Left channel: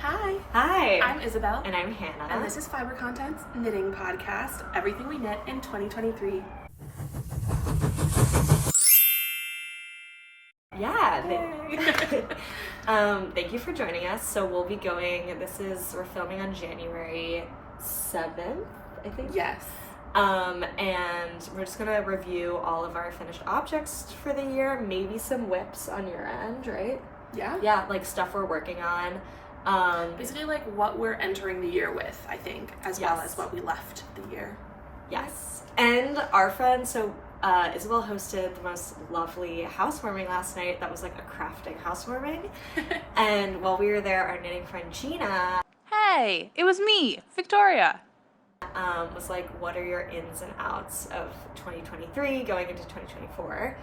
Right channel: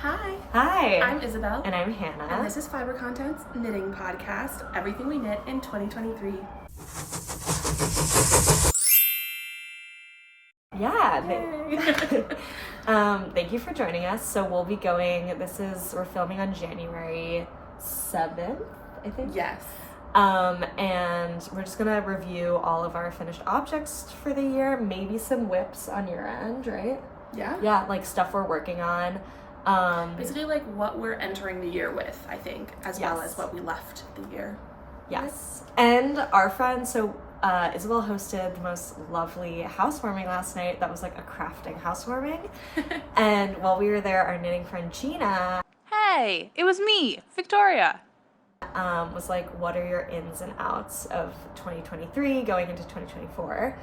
Hi. Hi. I'm Isabelle. And I'm Hannah. And this is Fiber Content's knitting podcast, everything we knit in 2023. Yeah. Thank you for joining us. So we'll be going, we're filming on January 7th, I think. Yes. And we're just gonna review all of our finished objects for the year, maybe some whips on your end, right? Yeah. Yeah, like stuff we're working on. Basically like what we're entering the year with, I think, as well as what we left the year. Yes. And our friend, Isabelle hosted the most lovely housewarming last night. That was like a crafting housewarming. And while we were there, our knitting friend Gina Hey, it was me, Victoria. was like, what are your ins and outs of 2023 going into 2024?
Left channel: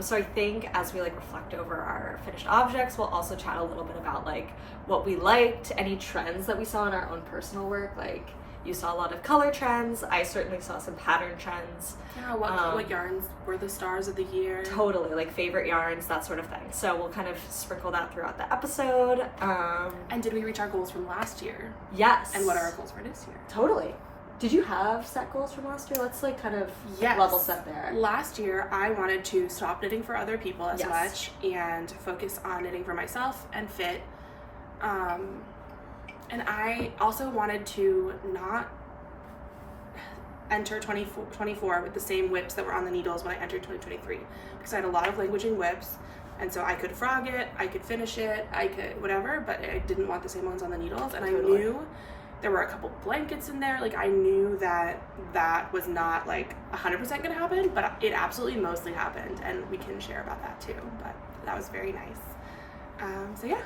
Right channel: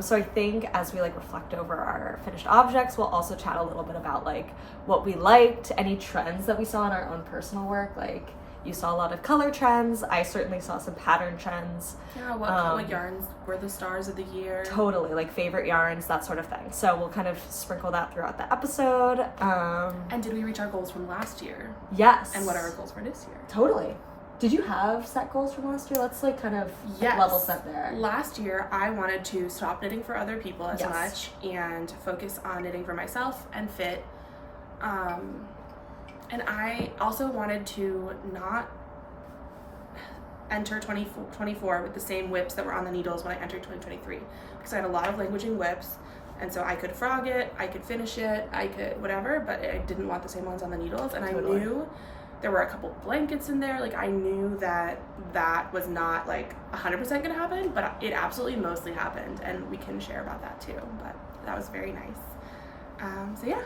So I think as we like reflect over our finished objects, we'll also chat a little bit about like what we liked, any trends that we saw in our own personal work. Like you saw a lot of color trends. I certainly saw some pattern trends. Yeah, what yarns were the stars of the year? Totally, like favorite yarns, that sort of thing. So we'll kind of sprinkle that throughout the episode. And did we reach our goals from last year? Yes. And what are our goals for this year? Totally. Did you have set goals from last year? Let's like kind of level set there. Last year, I wanted to stop knitting for other people as much and focus on knitting for myself and fit. And I also wanted to not enter 2024 with the same whips that were on the needles when I entered 2023 because I had a lot of languaging whips, and so I could frog it, I could finish it, I could whatever, but I didn't want the same ones on the needles. And Totally. I knew there were a couple blankets in there. Like I knew that was not like 100% gonna happen, but it absolutely mostly happened, and we can share about that too. But that was very nice. So yeah.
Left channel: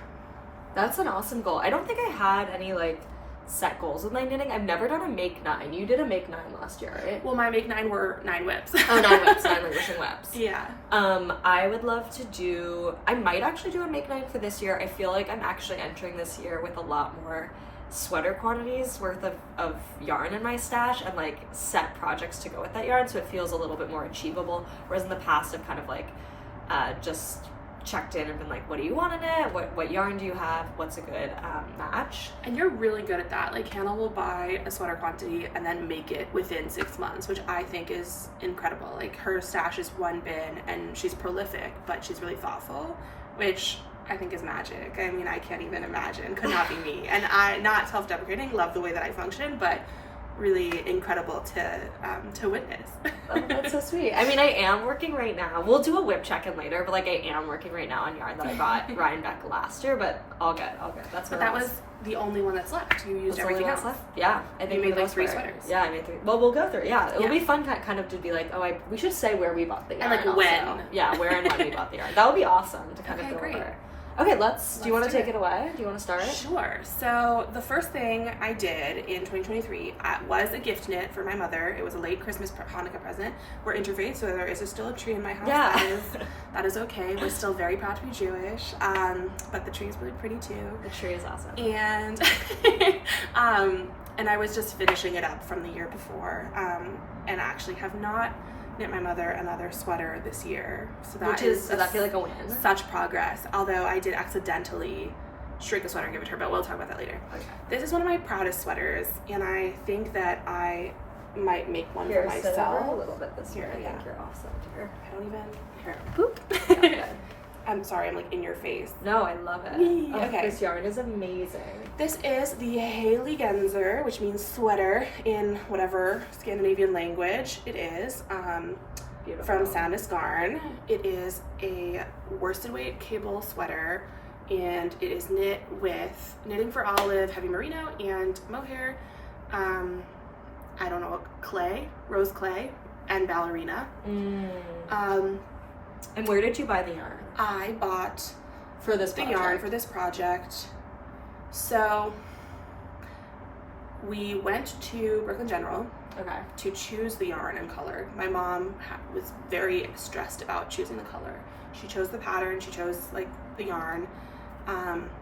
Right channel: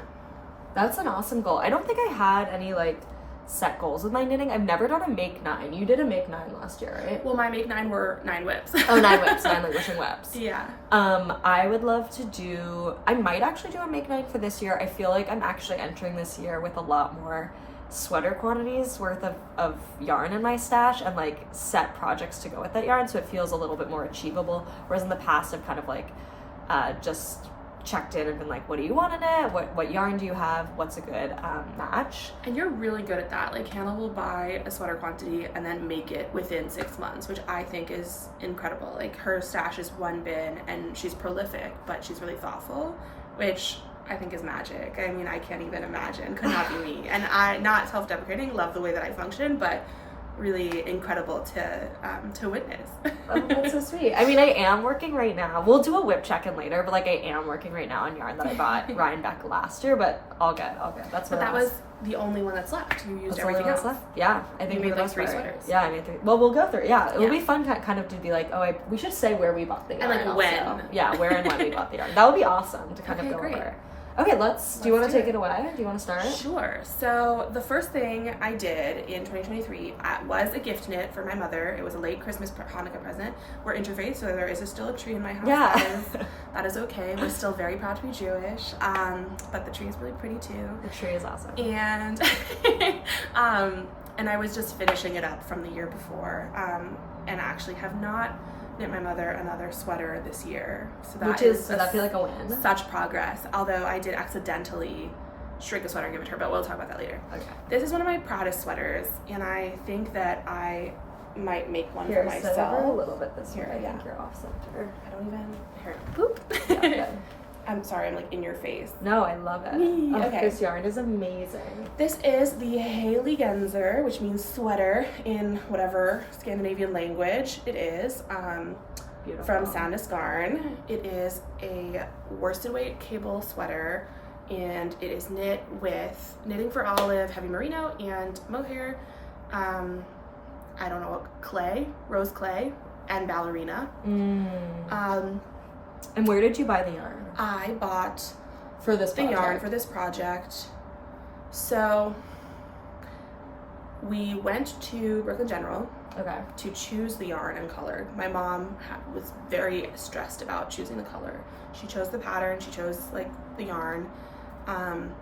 That's an awesome goal. I don't think I had any like set goals with my knitting. I've never done a make 9. You did a make 9 last year, right? Well, my make 9 were 9 whips. Oh, 9 whips, 9 languishing whips. Yeah. I would love to I might actually do a make 9 for this year. I feel like I'm actually entering this year with a lot more sweater quantities worth of yarn in my stash and like set projects to go with that yarn, so it feels a little bit more achievable, whereas in the past I've kind of like just checked in and been like, what do you want in it, what yarn do you have, what's a good match. And you're really good at that. Like Hannah will buy a sweater quantity and then make it within 6 months, which I think is incredible. Like her stash is one bin and she's prolific, but she's really thoughtful, which I think is magic. I mean, I can't even imagine. Could not be me. And I, not self-deprecating, love the way that I function, but really incredible to witness. Oh, that's so sweet. I mean, I am working right now. We'll do a whip check-in later, but like I am working right now on yarn that I bought Rhinebeck last year, but all good. That's what. But that was the only one that's left. You used everything else. Left? Yeah, I think you made like 3 sweaters. Yeah, I made 3. Well, we'll go through. Yeah, it'll be fun kind of to be like, we should say where we bought the yarn. And like also. when. Yeah, where and when we bought the yarn. That would be awesome to kind of go great. over. Okay, do you want to take it away? Do you want to start? Sure. So the first thing I did in 2023 was a gift knit for my mother. It was a late Christmas Hanukkah present. We're interfaith, so there is still a tree in my house. Yeah. That is okay. We're still very proud to be Jewish. But the tree is really pretty too. The tree is awesome. And and I was just finishing it up from the year before. And actually have not knit my mother another sweater this year, so does that feel like a win? Such progress. Although I did accidentally shrink a sweater and give it to her, but we'll talk about that later. Okay. This is one of my proudest sweaters, and I think that I might make one for myself. Sit over a little bit this year. I Yeah. think you're off center. I don't even. Here. Boop. Yeah, good. I'm sorry, I'm like in your face. No, I love it. Okay. This yarn is amazing. This is the Haley Genzer, which means sweater in whatever Scandinavian language it is. Beautiful. From Sandus Garn. It is a worsted weight cable sweater, and it is knit with Knitting for Olive, heavy merino, and mohair. I don't know what clay, rose clay, and ballerina. And where did you buy the yarn? I bought For this the yarn for this project. So we went to Brooklyn General to choose the yarn and color. My mom was very stressed about choosing the color. She chose the pattern, she chose like the yarn.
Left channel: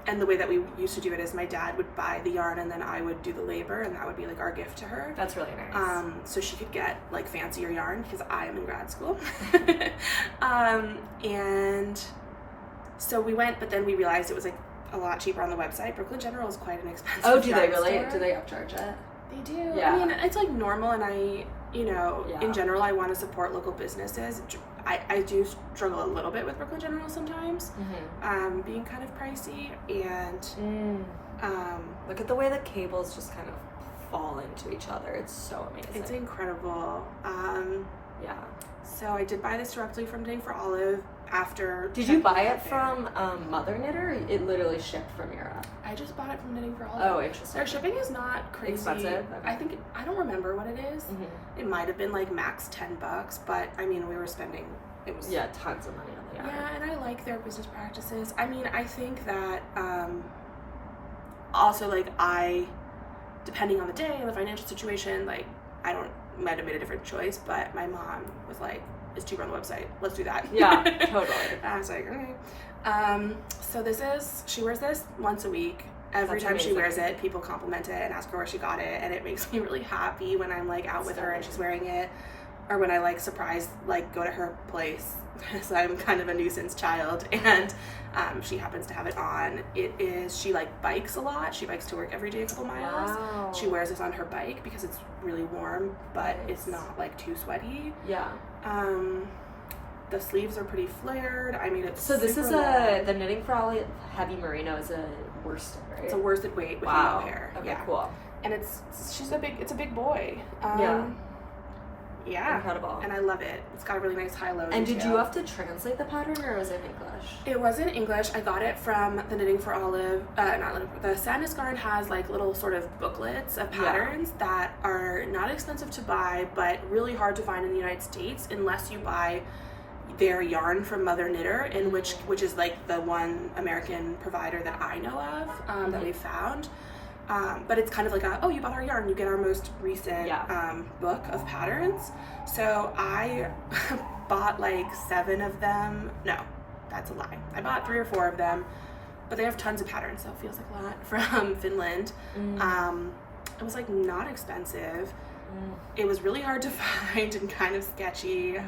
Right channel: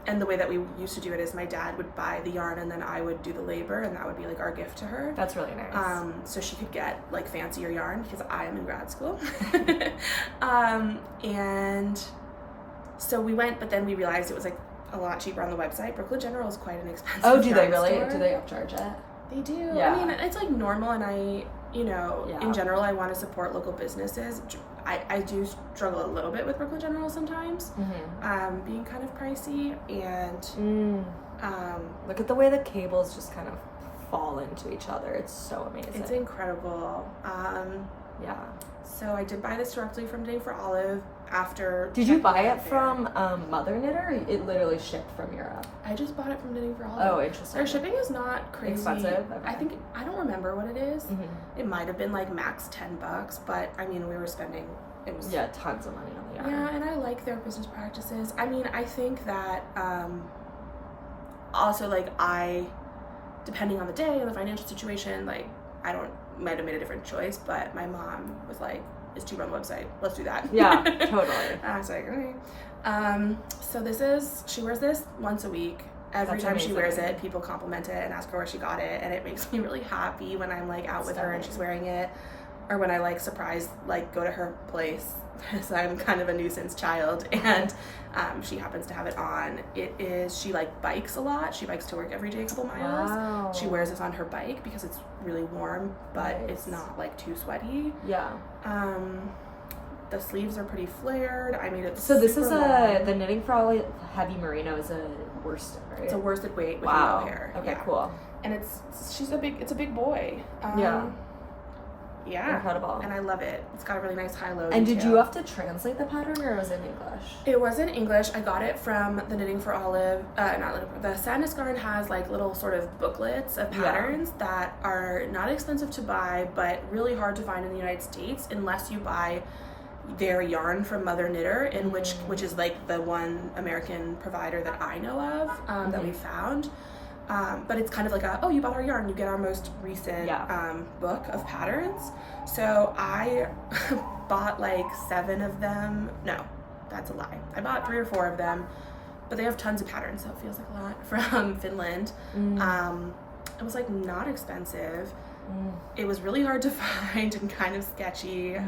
And the way that we used to do it is my dad would buy the yarn and then I would do the labor, and that would be like our gift to her. That's really nice. So she could get like fancier yarn because I am in grad school. And so we went, but then we realized it was like a lot cheaper on the website. Brooklyn General is quite an expensive Oh, do they yarn really? store. Do they upcharge it? They do. Yeah. I mean, it's like normal, and in general, I want to support local businesses. I do struggle a little bit with Brooklyn General sometimes, being kind of pricey, and look at the way the cables just kind of fall into each other. It's so amazing. It's incredible. Yeah. So I did buy this directly from Knitting for Olive after. Did you buy it from Mother Knitter? Or it literally shipped from Europe. I just bought it from Knitting for Olive. Oh, interesting. Their shipping is not crazy. Expensive? I don't remember what it is. It might have been like max $10, but I mean, we were spending. It was tons of money on the yarn. Yeah, and I like their business practices. I mean, I think that also like depending on the day and the financial situation, like might have made a different choice, but my mom was like, it's cheaper on the website, let's do that. Yeah, totally. I was like, okay. So she wears this once a week. Every time she wears it, people compliment it and ask her where she got it, and it makes me really happy when I'm like out with her and she's wearing it, or when I like surprise, like go to her place, because I'm kind of a nuisance child, and she happens to have it on. She like bikes a lot. She bikes to work every day a couple miles. Wow. She wears this on her bike because it's really warm, but it's not like too sweaty. Yeah. The sleeves are pretty flared. I mean, it's so this is long. the Knitting for Olive Heavy Merino is a worsted, right? It's a worsted weight with wow. mohair. Okay, yeah. cool. And it's a big boy. Yeah. Incredible. And I love it. It's got a really nice high-low And detail. did you have to translate the pattern, or was it in English? It was in English. I got it from the Knitting for Olive. The Sadness Garn has like little sort of booklets of patterns that are not expensive to buy, but really hard to find in the United States unless you buy their yarn from Mother Knitter, in which is like the one American provider that I know of that we found. But it's kind of like you bought our yarn, you get our most recent book of patterns. So I bought like 7 of them. No, that's a lie. I bought 3 or 4 of them, but they have tons of patterns, so it feels like a lot, from Finland. It was like not expensive. It was really hard to find and kind of sketchy.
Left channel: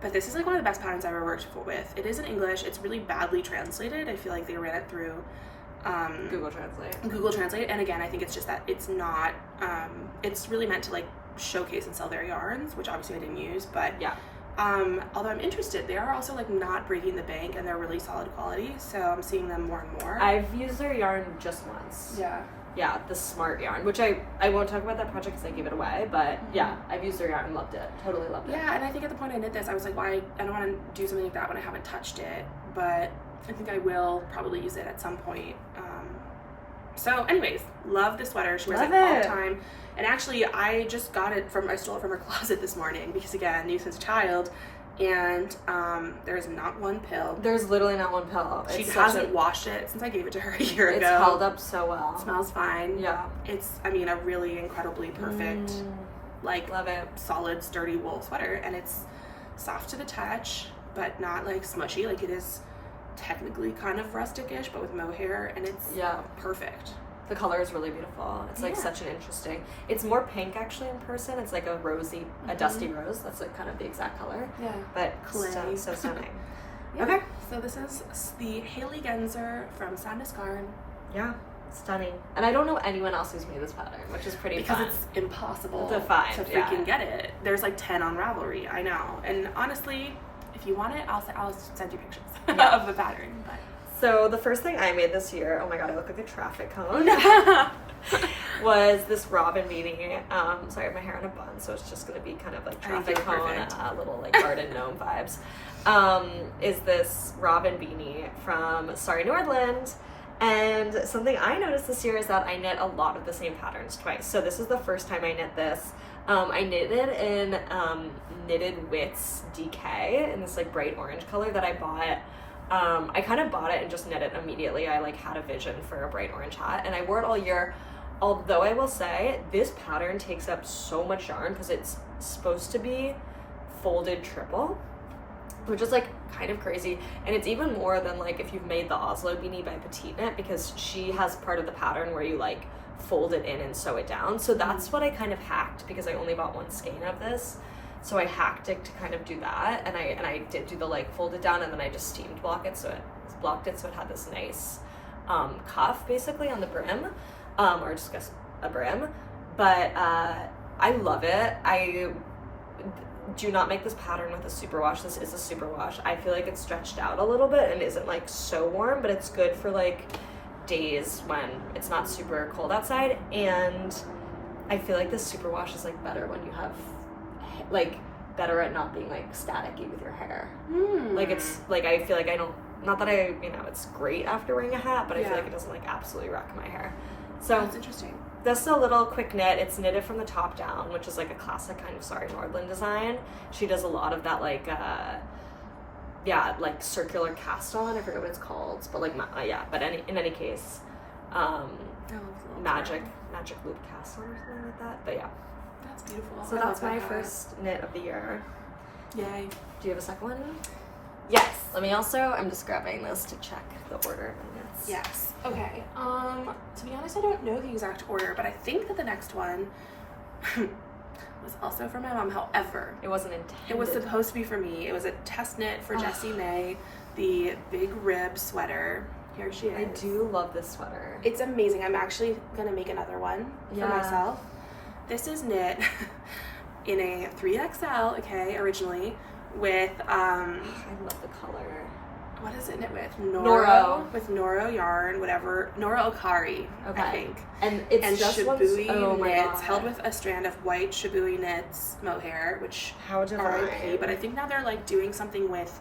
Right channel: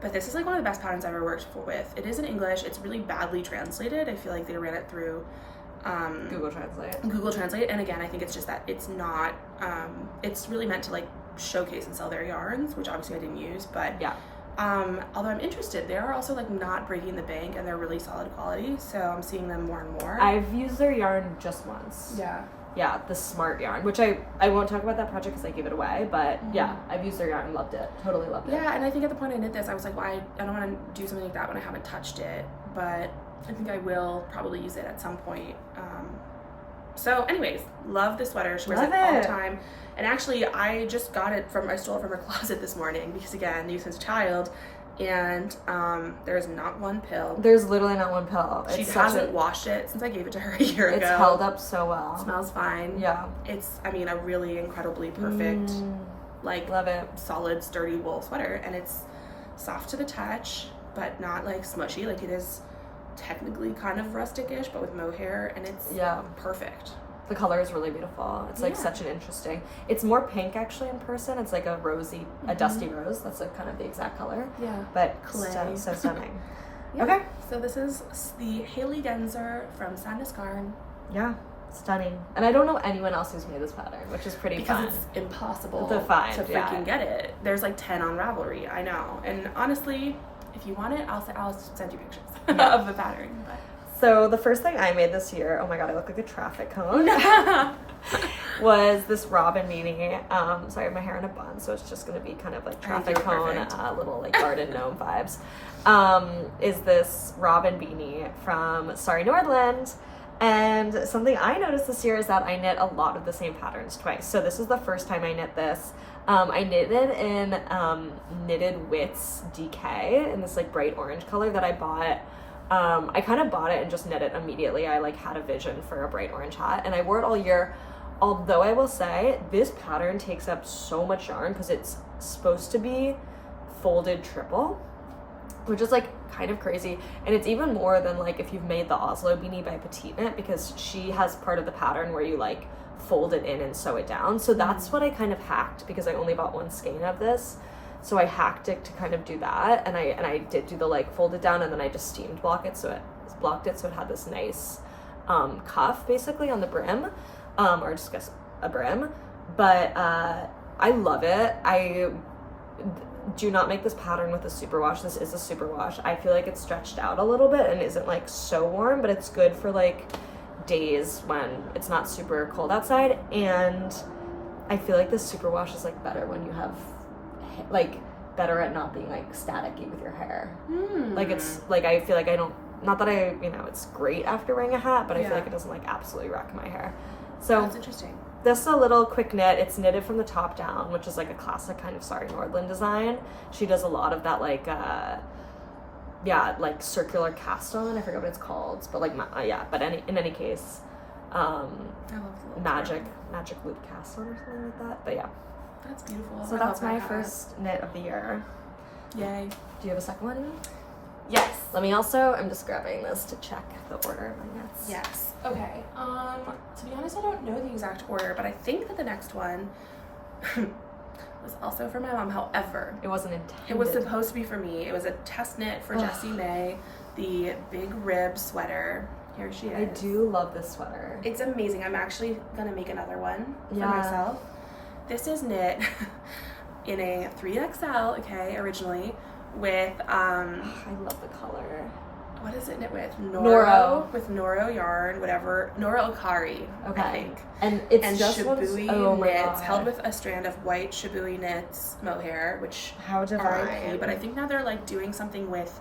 But this is like one of the best patterns I've ever worked with. It is in English. It's really badly translated. I feel like they ran it through Google Translate, and again, I think it's just that it's not it's really meant to like showcase and sell their yarns, which obviously I didn't use, but although I'm interested, they are also like not breaking the bank, and they're really solid quality, so I'm seeing them more and more. I've used their yarn just once. Yeah, the Smart yarn, which I won't talk about that project because I gave it away, but I've used their yarn and loved it. Totally loved it. Yeah, and I think at the point I knit this, I was like, well, I don't want to do something like that when I haven't touched it, but I think I will probably use it at some point. So anyways, love this sweater. She wears it all the time. And actually, I stole it from her closet this morning because, again, nuisance child. And there's not one pill. There's literally not one pill. She hasn't washed it since I gave it to her a year ago. It's held up so well. It smells fine. Yeah. It's, a really incredibly perfect, love it. solid, sturdy wool sweater. And it's soft to the touch, but not like smushy. Like it is technically kind of rustic-ish, but with mohair, and it's perfect. The color is really beautiful. It's like such an interesting. It's more pink actually in person. It's like a rosy, a dusty rose. That's like kind of the exact color. Yeah. But Clay. so stunning. Okay. So this is the Haley Genzer from Sadness Garn. Yeah. Stunning. And I don't know anyone else who's made this pattern, which is pretty fun. Because it's impossible to find, to freaking get it. There's like 10 on Ravelry. I know. And honestly, if you want it, I'll send you pictures of the pattern. But so the first thing I made this year, oh my god, I look like a traffic cone, was this robin beanie. Sorry, I have my hair in a bun, so it's just going to be kind of like traffic cone, little like garden gnome vibes. Is this robin beanie from Sari Nordlund. And something I noticed this year is that I knit a lot of the same patterns twice. So this is the first time I knit this. I knitted in Knitted Wits DK in this like bright orange color that I bought. I kind of bought it and just knit it immediately. I like had a vision for a bright orange hat, and I wore it all year. Although I will say this pattern takes up so much yarn because it's supposed to be folded triple, which is like kind of crazy. And it's even more than like if you've made the Oslo beanie by Petite Knit, because she has part of the pattern where you like fold it in and sew it down. So that's what I kind of hacked, because I only bought one skein of this. So I hacked it to kind of do that, and I did do the like fold it down, and then I just steamed block it so it blocked it so it had this nice cuff basically on the brim, or just a brim. But I love it. I do not make this pattern with a superwash. This is a superwash. I feel like it's stretched out a little bit and isn't like so warm, but it's good for like days when it's not super cold outside. And I feel like this superwash is like better when you have like better at not being like staticky with your hair. Like it's like I feel like I don't, not that I, you know, it's great after wearing a hat, but I feel like it doesn't like absolutely wreck my hair. So that's interesting. This is a little quick knit. It's knitted from the top down, which is like a classic kind of Sari Nordlund design. She does a lot of that like like circular cast on. I forget what it's called, but like but in any case, I love the magic loop cast on or something like that. But yeah, that's beautiful. So that's my first knit of the year. Yay. Do you have a second one? Yes. I'm just grabbing this to check the order of my knits. Yes. Okay. To be honest, I don't know the exact order, but I think that the next one was also for my mom. However, it wasn't intended. It was supposed to be for me. It was a test knit for Jessie May, the big rib sweater. Here she is. I do love this sweater. It's amazing. I'm actually gonna make another one for myself. This is knit in a 3XL, okay, originally, with I love the color. What is it knit with? Noro. With Noro yarn, whatever. Noro Okari, okay. I think. And it's just Shibui knits, held with a strand of white Shibui knits mohair, which RIP, but I think now they're like doing something with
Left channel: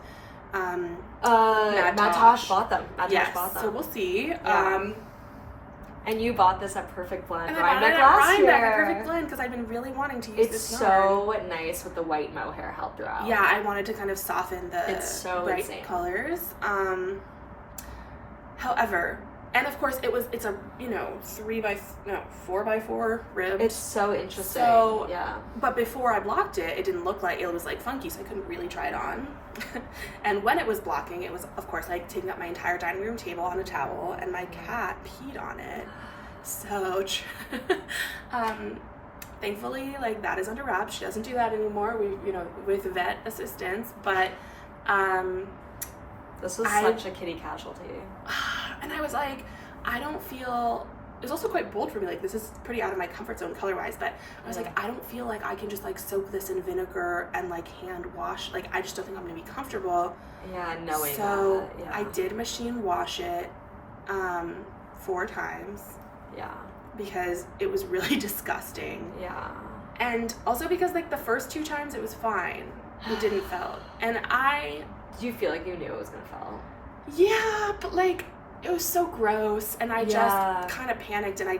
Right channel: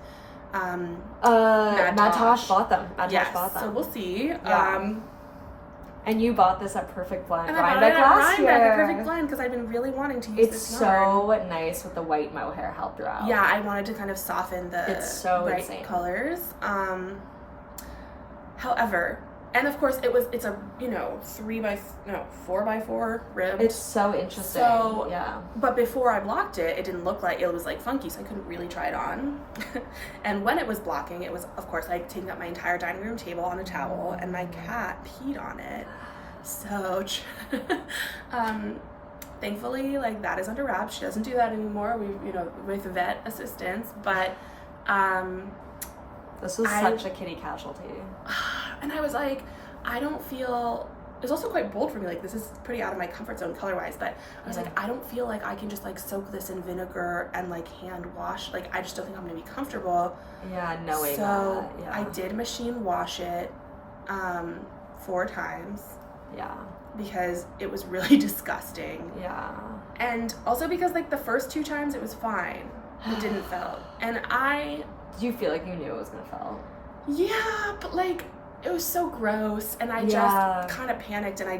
Natosh bought them. Yes, so we'll see. Yeah. And you bought this at Perfect Blend. And I bought it at Rhinebeck at Perfect Blend because I've been really wanting to use this yarn. It's so nice with the white mohair held throughout. Yeah, I wanted to kind of soften the bright colors. However, and of course it's a 4x4 rib. It's so interesting. So yeah. But before I blocked it, it didn't look like it was like funky, so I couldn't really try it on. And when it was blocking, it was of course like taking up my entire dining room table on a towel, and my cat peed on it. So thankfully, like that is under wraps. She doesn't do that anymore. We with vet assistance, but this was such a kitty casualty. And I was like, I don't feel, it was also quite bold for me, like this is pretty out of my comfort zone color wise, but I was like, I don't feel like I can just like soak this in vinegar and like hand wash, like I just don't think I'm gonna be comfortable. Yeah, knowing so that. Yeah. I did machine wash it 4 times. Yeah. Because it was really disgusting. Yeah. And also because like the first 2 times it was fine. It didn't felt. And did you feel like you knew it was gonna fall? Yeah, but like it was so gross, and I just kind of panicked, and I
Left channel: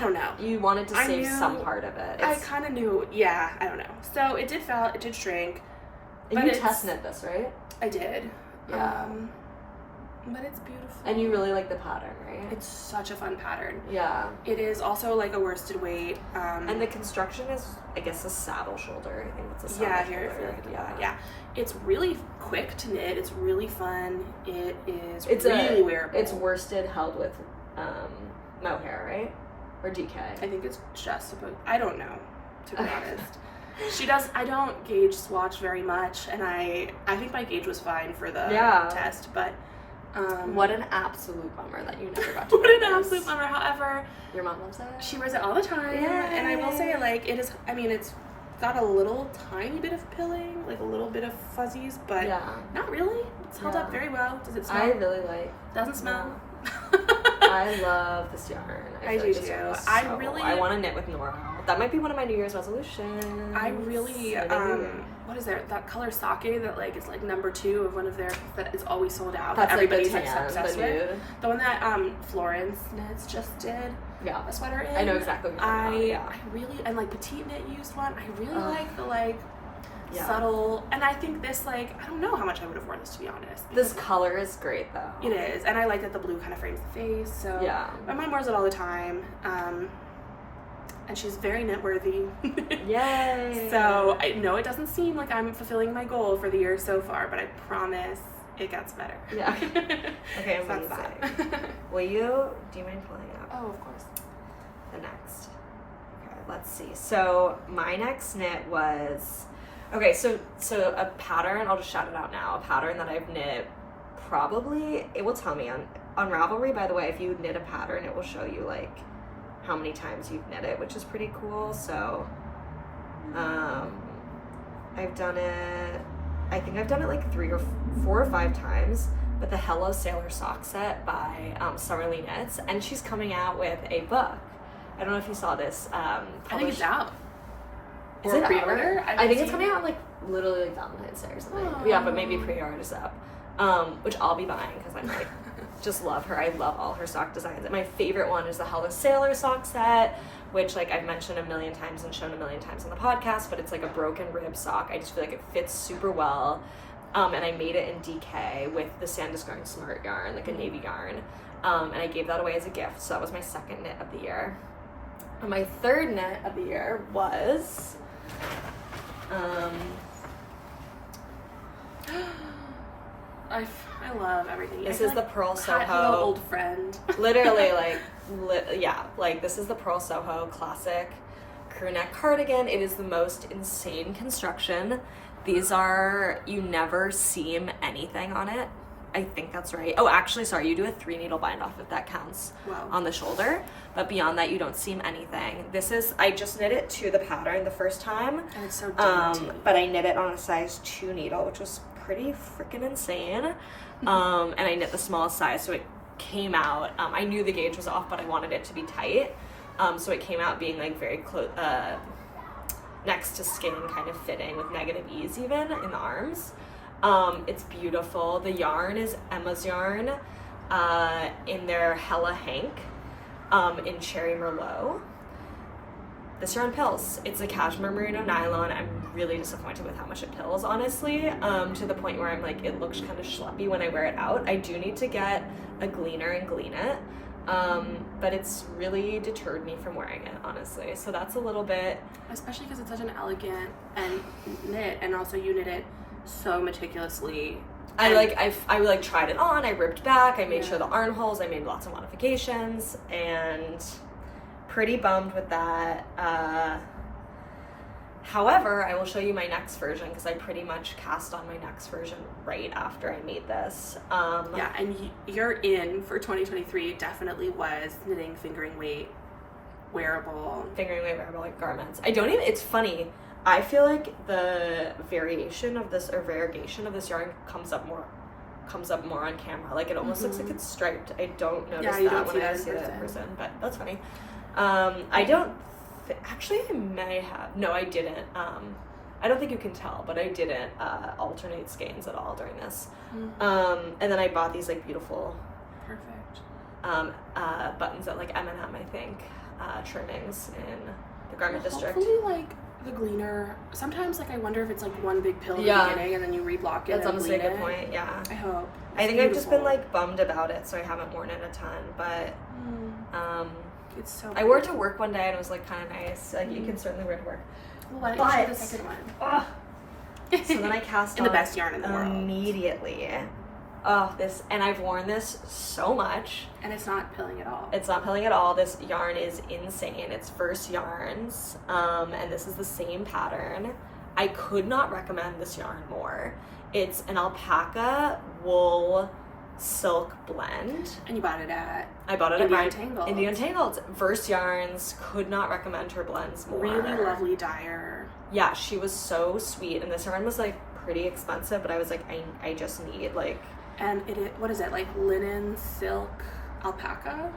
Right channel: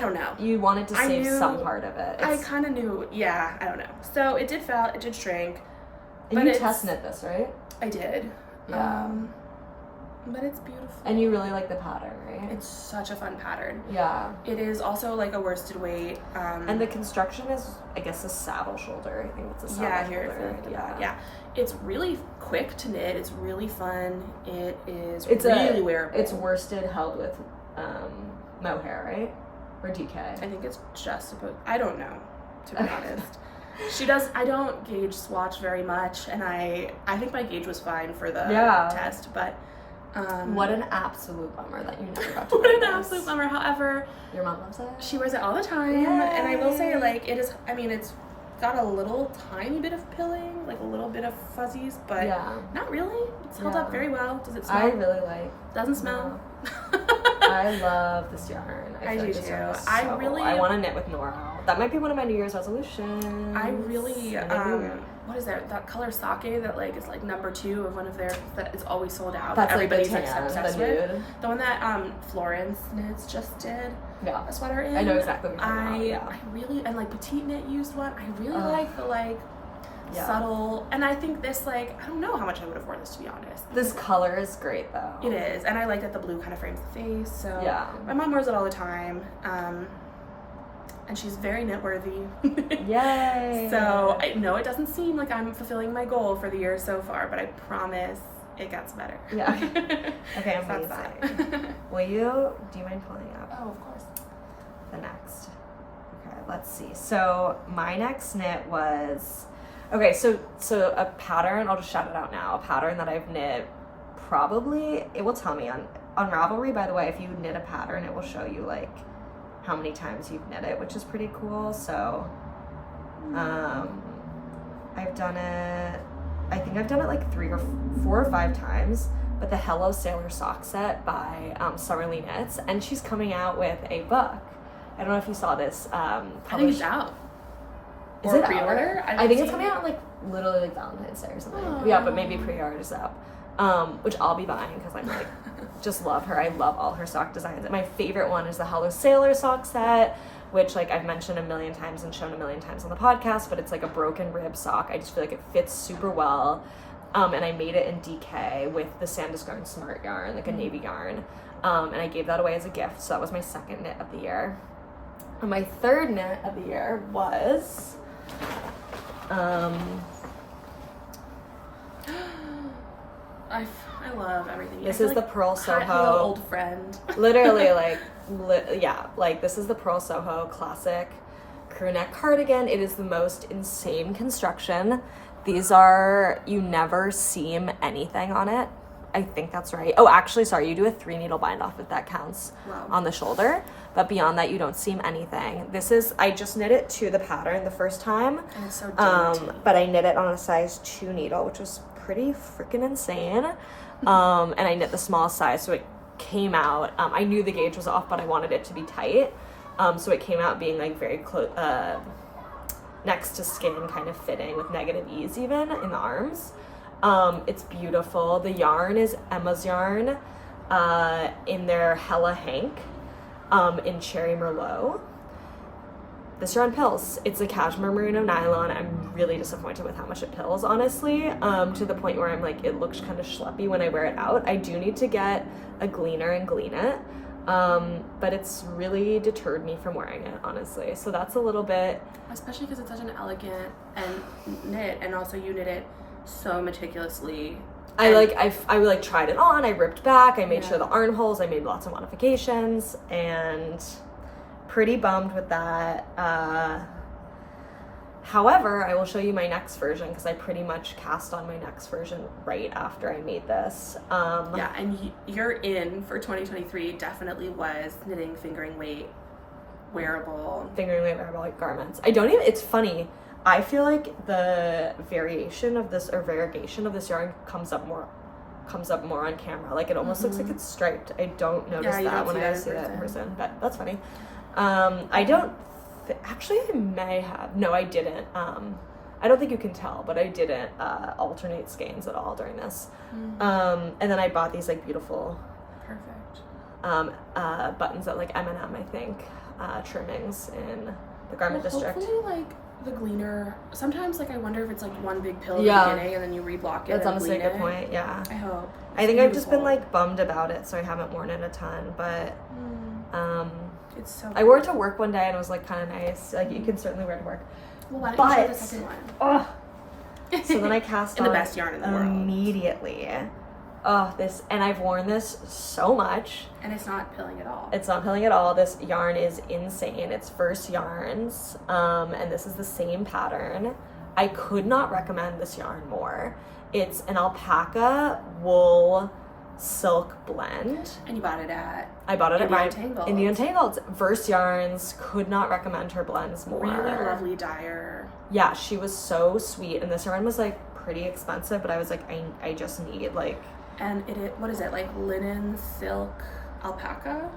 don't know. You wanted to save some part of it. I kind of knew, I don't know. So it did fall, it did shrink. And you test knit this, right? I did. Yeah. But it's beautiful. And you really like the pattern, right? It's such a fun pattern. Yeah. It is also like a worsted weight. And the construction is, I guess, a saddle shoulder. I think it's a saddle shoulder. Here, if you look at the back. Yeah. It's really quick to knit. It's really fun. It's really wearable. It's worsted held with mohair, right? Or DK? I think it's just supposed, I don't know, to be honest. I don't gauge swatch very much, and I think my gauge was fine for the test, but what an absolute bummer that you never got to what an absolute bummer. However, your mom loves it. She wears it all the time. Yay. And I will say, like, it is, I mean, it's got a little tiny bit of pilling, like a little bit of fuzzies, but not really. It's held up very well. Does it smell? I really like. Doesn't smell. I love this yarn. I do too. I want to knit with Nora. That might be one of my New Year's resolutions. I really, what is there? That color sake that like is like number 2 of one of their, that is always sold out. That's that everybody's like obsessed with. The one that Florence Knits just did. Yeah. A sweater in. I know exactly what you're talking about. I really, and like Petite Knit used one. I really like the like subtle, and I think this, like, I don't know how much I would have worn this, to be honest. This color is great though. It is, and I like that the blue kind of frames the face, so my mom wears it all the time, and she's very knit worthy. Yay! So I know it doesn't seem like I'm fulfilling my goal for the year so far, but I promise it gets better. Yeah. Okay, I'm ready. Do you mind pulling up? Oh, of course. The next. Okay, let's see. So my next knit was, so a pattern, I'll just shout it out now, a pattern that I've knit it will tell me on Ravelry, by the way, if you knit a pattern, it will show you like how many times you've knit it, which is pretty cool. So I've done it, I think I've done it like 4 or 5 times, but the Hello Sailor sock set by Sari Knits, and she's coming out with a book. I don't know if you saw this. I think it's out. Is or it pre-order? I think it's coming out like literally like Valentine's Day or something. Oh. Yeah, but maybe pre-order's up. Which I'll be buying because I'm like, just love her. I love all her sock designs. My favorite one is the Hello Sailor sock set, which like I've mentioned a million times and shown a million times on the podcast, but it's like a broken rib sock. I just feel like it fits super well. And I made it in DK with the Sandus Garn Smart yarn, like a navy yarn. And I gave that away as a gift, so that was my second knit of the year. And my third knit of the year was I love everything. This is the Purl Soho. Hello, old friend. Literally, like this is the Purl Soho classic crew neck cardigan. It is the most insane construction. These are, you never seam anything on it. I think that's right. Oh, actually, sorry, you do a 3 needle bind off if that counts. Wow. On the shoulder. But beyond that, you don't seam anything. This is, I just knit it to the pattern the first time. And it's so dainty. But I knit it on a size 2 needle, which was pretty freaking insane. And I knit the small size, so it came out. I knew the gauge was off, but I wanted it to be tight. So it came out being like very close, next to skin kind of fitting with negative ease even in the arms. It's beautiful. The yarn is Emma's yarn in their Hella Hank in Cherry Merlot. This yarn pills. It's a cashmere merino nylon. I'm really disappointed with how much it pills, honestly, to the point where I'm like, it looks kind of schleppy when I wear it out. I do need to get a gleaner and glean it, but it's really deterred me from wearing it, honestly. So that's a little bit... Especially because it's such an elegant and knit, and also you knit it so meticulously. I tried it on, I ripped back, I made sure the armholes, I made lots of modifications, and pretty bummed with that. However, I will show you my next version because I pretty much cast on my next version right after I made this. Yeah, and your in for 2023 definitely was knitting fingering weight wearable like garments. It's funny. I feel like the variation of this, or variegation of this yarn comes up more on camera. Like it almost looks like it's striped. I don't notice that when I see it in person, but that's funny. Actually, I may have. No, I didn't. I don't think you can tell, but I didn't alternate skeins at all during this. And then I bought these like beautiful, perfect buttons at like M&M, I think, trimmings in the garment district. Hopefully, like the gleaner. Sometimes, like I wonder if it's like one big pill in the beginning, and then you reblock it. That's honestly a good point. Yeah. I hope. I think I've just been like bummed about it, so I haven't worn it a ton. But it's so. I wore it to work one day, and it was like kind of nice. Like you can certainly wear it to work. Well, why don't you show the second one? Oh. So then I cast in on the best yarn in the world immediately. Oh, and I've worn this so much. And it's not pilling at all. It's not pilling at all. This yarn is insane. It's First Yarns, and this is the same pattern. I could not recommend this yarn more. It's an alpaca wool silk blend. And you bought it at... I bought it Indie at Untangled. Indie Untangled. First Yarns. Could not recommend her blends more. Really lovely dyer. Yeah, she was so sweet. And this yarn was like pretty expensive, but I was like, I just need like... And what is it, like linen, silk, alpaca?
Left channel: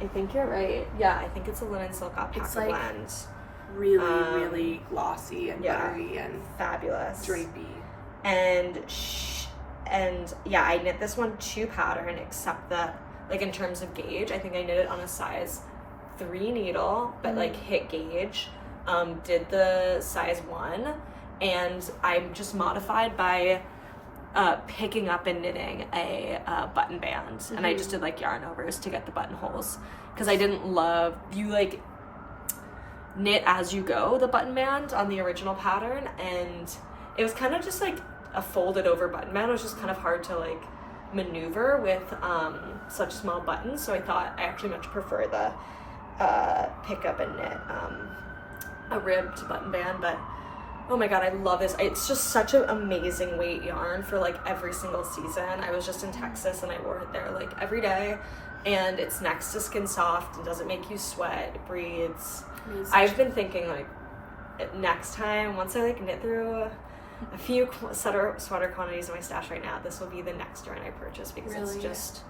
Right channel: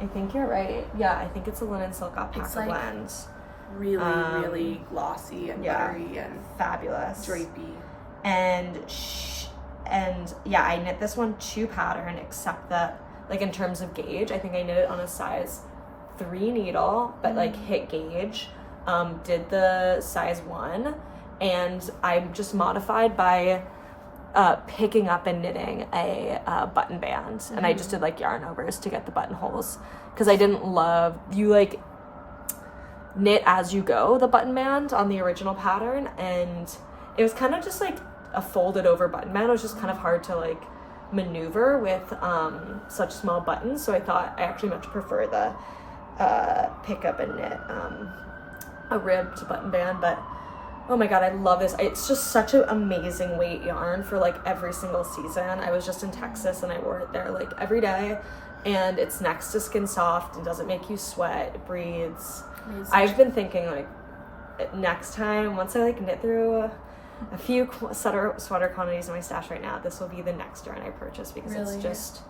I think you're right. Yeah, I think it's a linen silk alpaca it's like blend. Really, really glossy and buttery and fabulous. Drapey. And yeah, I knit this one to pattern, except that like in terms of gauge, I think I knit it on a size 3 needle, but like hit gauge. Did the size 1, and I just modified by picking up and knitting a button band, and I just did like yarn overs to get the buttonholes because I didn't love you like knit as you go the button band on the original pattern, and it was kind of just like a folded over button band. It was just kind of hard to like maneuver with such small buttons, so I thought I actually much prefer the pick up and knit a ribbed button band. But Oh my god, I love this. It's just such an amazing weight yarn for like every single season. I was just in Texas and I wore it there like every day. And it's next to Skin Soft and doesn't make you sweat. It breathes. Amazing. I've been thinking like next time, once I like knit through a few sweater quantities in my stash right now, this will be the next yarn I purchase because it's just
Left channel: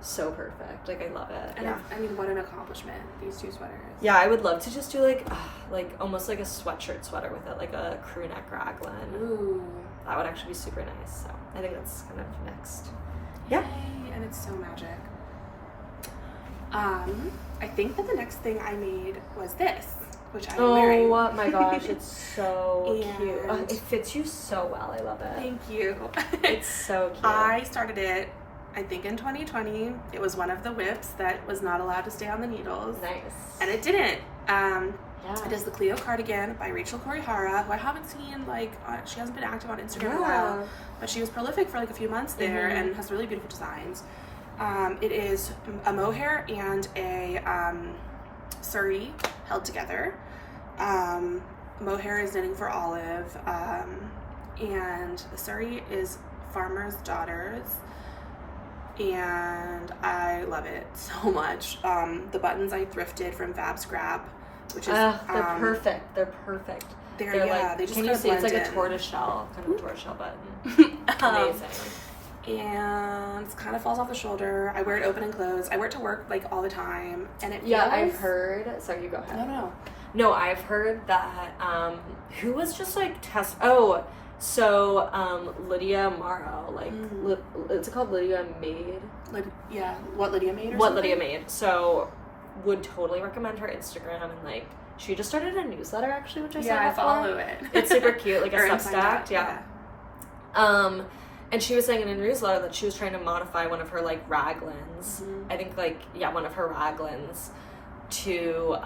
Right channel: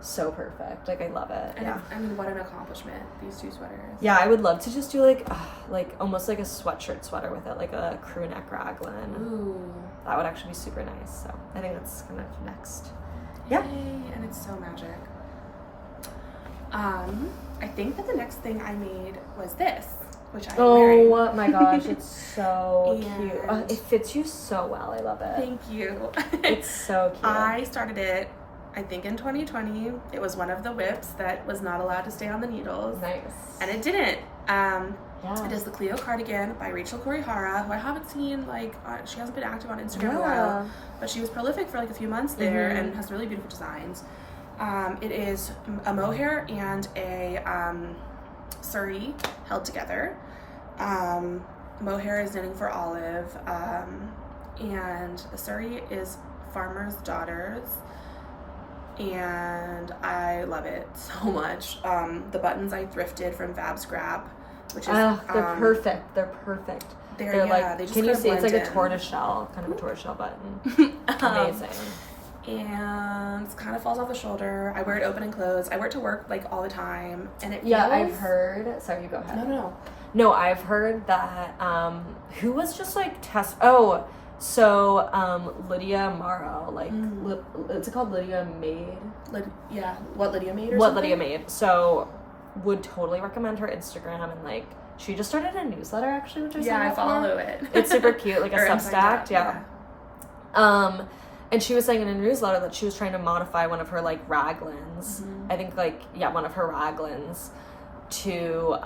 so perfect. Like I love it. And I mean, what an accomplishment, these two sweaters. Yeah, I would love to just do like almost like a sweatshirt sweater with it, like a crew neck raglan. Ooh. That would actually be super nice. So I think that's kind of next. Yay, and it's so magic. I think that the next thing I made was this, which I'm wearing. Oh my gosh, it's so cute. It fits you so well. I love it. Thank you. It's so cute. I started it, I think, in 2020. It was one of the whips that was not allowed to stay on the needles. Nice. And it didn't. It is the Cleo Cardigan by Kurihara, who I haven't seen, like, she hasn't been active on Instagram in a while, but she was prolific for like a few months there and has really beautiful designs. It is a mohair and a Suri held together. Mohair is knitting for Olive, and the Suri is Farmer's Daughters, and I love it so much. The buttons I thrifted from Fab Scrap, which is they're perfect. They're perfect. They're like, they just can you see it's like a tortoiseshell button. Amazing. And it kind of falls off the shoulder. I wear it open and closed. I wear it to work like all the time, and it feels... I've heard. Sorry, you go ahead. No, I've heard that. Who was just like Lydia Morrow, like it's called Lydia Made. What Lydia Made or what something? Lydia Made. So would totally recommend her Instagram, and like she just started a newsletter actually, which I follow it. It's super cute, like a Substack. And she was saying in a newsletter that she was trying to modify one of her like raglans. I think one of her raglans to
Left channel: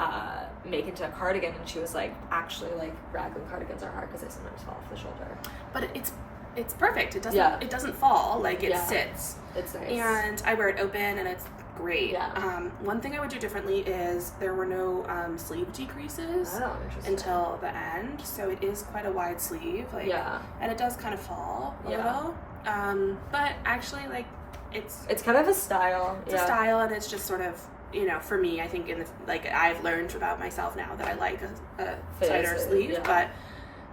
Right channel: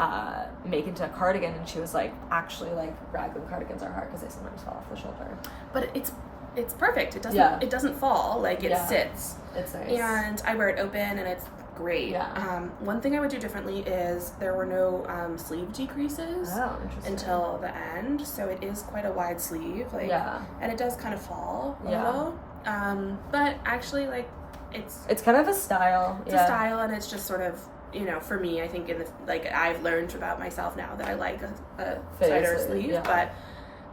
make into a cardigan, and she was like, actually, like raglan cardigans are hard because they sometimes fall off the shoulder. But it's perfect. It doesn't fall, like it sits. It's nice. And I wear it open, and it's great. One thing I would do differently is there were no sleeve decreases until the end, so it is quite a wide sleeve, and it does kind of fall a little. But actually, like it's kind of a style. It's a style, and it's just sort of, for me, I think I've learned about myself now that I like a tighter sleeve, but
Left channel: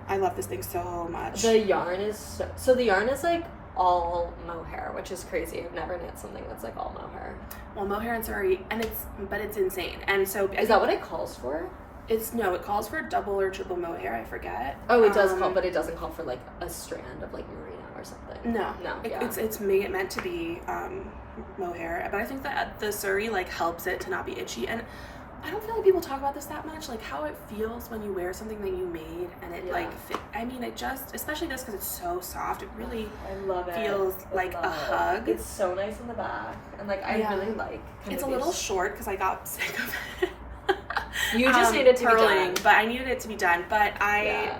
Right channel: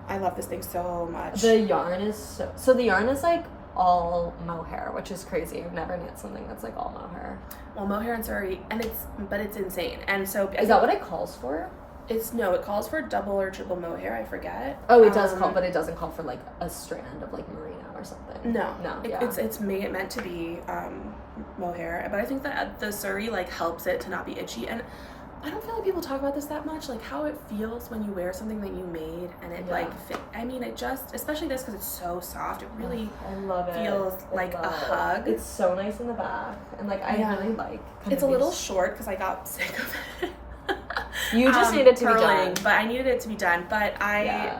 I love this thing so much. The yarn is so the yarn is like all mohair, which is crazy. I've never knit something that's like all mohair. Well, mohair and Suri, and it's insane. And so is that what it calls for? It calls for double or triple mohair. I forget. Oh, it does call, but it doesn't call for like a strand of like merino or something. No. It's meant to be mohair, but I think that the Suri like helps it to not be itchy, and I don't feel like people talk about this that much, like how it feels when you wear something that you made and it fit. I mean, it just, especially this because it's so soft, it really feels like a hug. It's so nice in the back, and like I really like. It's a little short because I got sick of it. You just needed to be done, but I needed it to be done. But I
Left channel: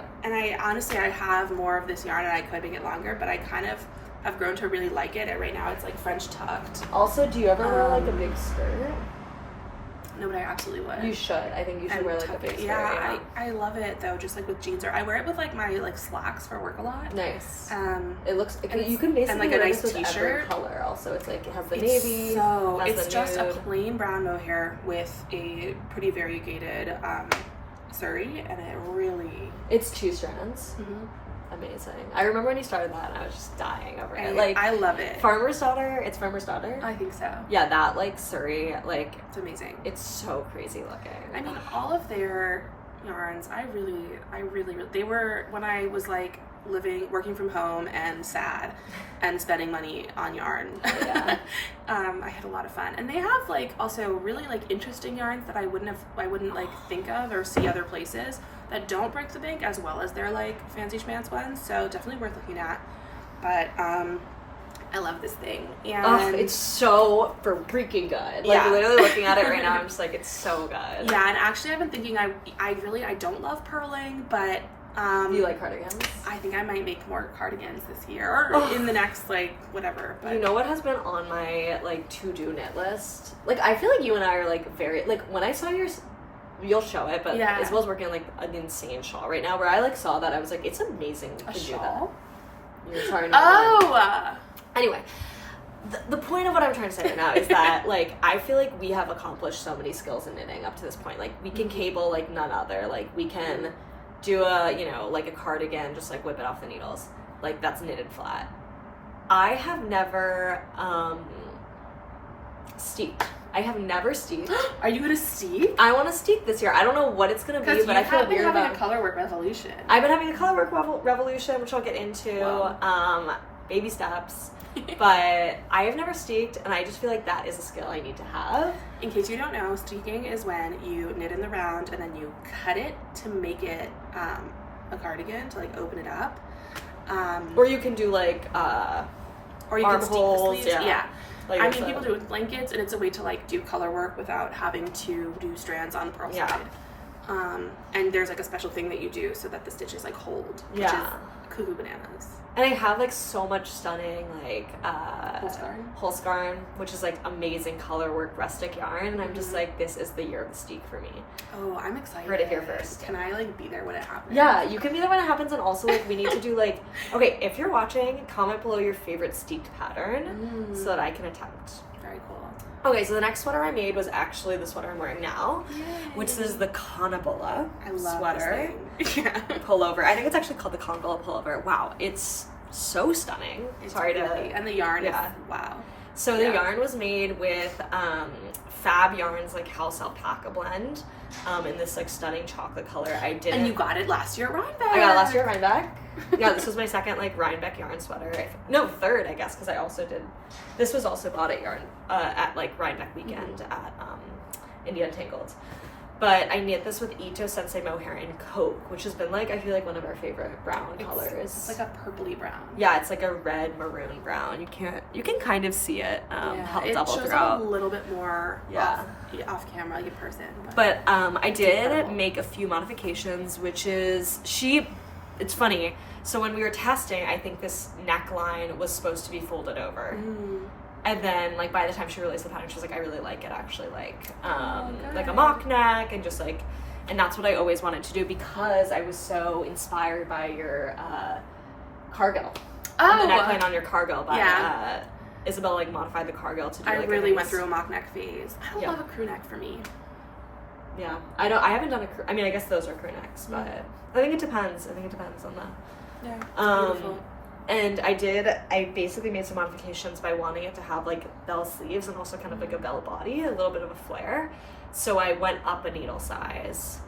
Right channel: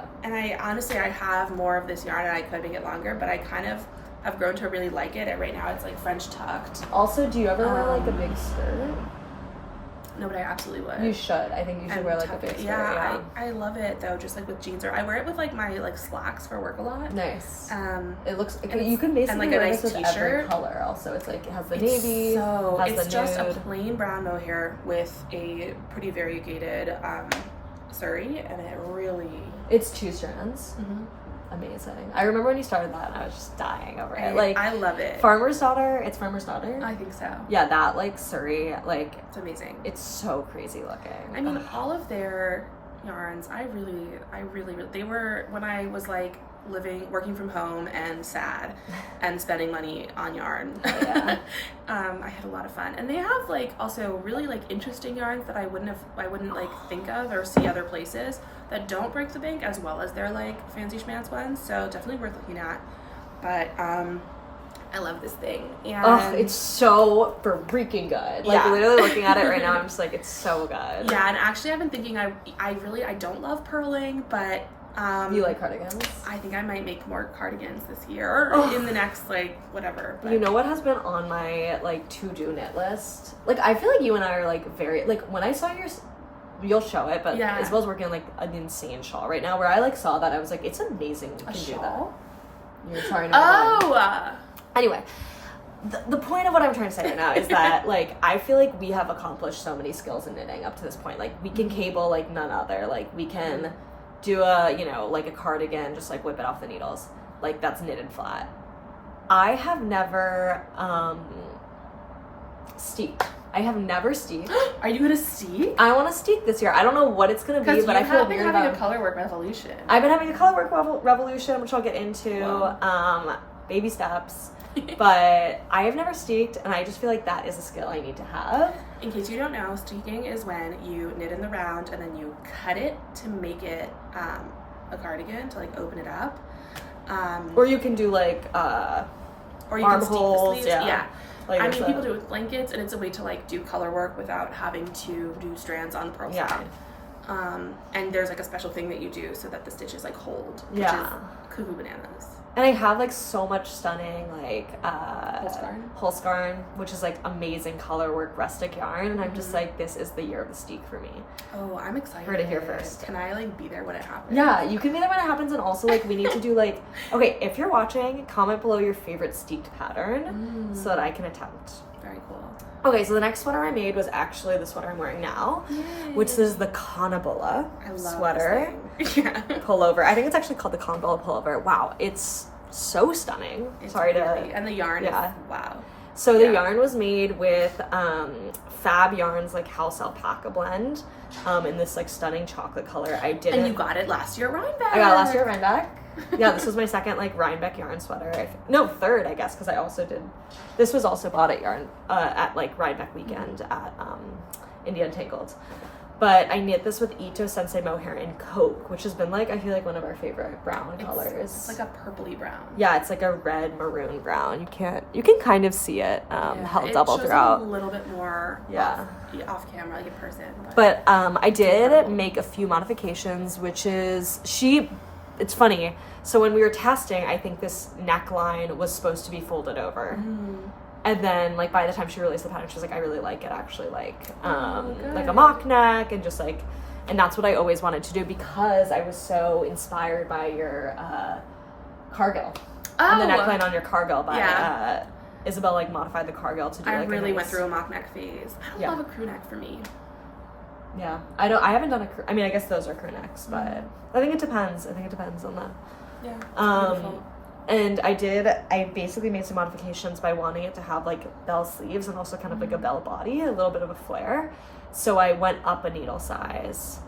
honestly I have more of this yarn and I could make it longer, but I kind of have grown to really like it. And right now it's like French tucked. Also, do you ever wear like a big skirt? No, but I absolutely would. You should. I think you should wear like a big skirt. Yeah, I love it though, just like with jeans, or I wear it with like my like slacks for work a lot. Nice. It looks, you can basically and like a nice t-shirt color. Also, it's like it has the navy. So it's just a plain brown mohair with a pretty variegated Suri, and it really. It's 2 strands. Amazing. I remember when you started that and I was just dying over it. Like, I love it. Farmer's Daughter. It's Farmer's Daughter? I think so. Yeah, that like Suri, like it's amazing. It's so crazy looking. I mean, all of their yarns, I really they were, when I was like working from home and sad and spending money on yarn. I had a lot of fun, and they have like also really like interesting yarns that I wouldn't like think of or see other places that don't break the bank as well as their like fancy schmancy ones, so definitely worth looking at. But I love this thing, and it's so freaking good. Like literally looking at it right now, I'm just like, it's so good. Yeah, and actually I've been thinking I don't love purling, but you like cardigans? I think I might make more cardigans this year or in the next like whatever. But you know what has been on my like to-do knit list? Like I feel like you and I are like very like when I saw your you'll show it, but Isabel's working on like an insane shawl right now where I like saw that. I was like, it's amazing. A shawl? You're sorry. Anyway, the point of what I'm trying to say right now is that like I feel like we have accomplished so many skills in knitting up to this point. Like we can cable like none other. Like we can do a, you know, like a cardigan, just like whip it off the needles. Like that's knitted flat. I have never steeped. I have never steeped. Are you gonna steep? I want to steep this year. I don't know what it's gonna be, but I feel been having a colorwork revolution. I've been having a colorwork revolution, which I'll get into. Wow. Baby steps. But I have never steeked, and I just feel like that is a skill I need to have. In case you don't know, steeking is when you knit in the round and then you cut it to make it a cardigan, to like open it up. Or you can do like or you can steek the sleeves. Yeah. Like I mean, people do it with blankets, and it's a way to like do color work without having to do strands on the purl side. And there's like a special thing that you do so that the stitches like hold, which is cuckoo bananas. And I have like so much stunning like Holst Garn, which is like amazing color work rustic yarn. And I'm just like, this is the year of the steek for me. Oh, I'm excited. Heard it here first. Can I like be there when it happens? Yeah, you can be there when it happens, and also like we need to do like, okay, if you're watching, comment below your favorite steeked pattern so that I can attempt. Very cool. Okay, so the next sweater I made was actually the sweater I'm wearing now, which is the Cannibala sweater. Pullover. I think it's actually called the Cannibala pullover. Wow, it's so stunning. It's and the yarn is wow. So the yarn was made with Fab Yarns like house alpaca blend in this like stunning chocolate color. And you got it last year at Rhinebeck. I got it last year at Rhinebeck. Yeah, this was my second like Rhinebeck yarn sweater. Third, I guess, because I also did. This was also bought at like Rhinebeck weekend at India Untangled. But I knit this with Ito Sensei mohair in Coke, which has been like I feel like one of our favorite brown colors. It's like a purpley brown. Yeah, it's like a red maroon brown. You can kind of see it held double throughout. A little bit more off camera like in person. But I did make a few modifications, which is it's funny. So when we were testing, I think this neckline was supposed to be folded over. And then, like, by the time she released the pattern, she was like, I really like it, actually, like a mock neck, and just, like, and that's what I always wanted to do because I was so inspired by your Cargill. And the neckline on your Cargill by Isabelle, like, modified the Cargill to do, like, I really went through a mock neck phase. I don't love a crew neck for me. Yeah. I haven't done I mean, I guess those are crew necks, but I think it depends. I think it depends on that. Yeah, it's beautiful. And I basically made some modifications by wanting it to have like bell sleeves and also kind of like a bell body, a little bit of a flare. So I went up a needle size,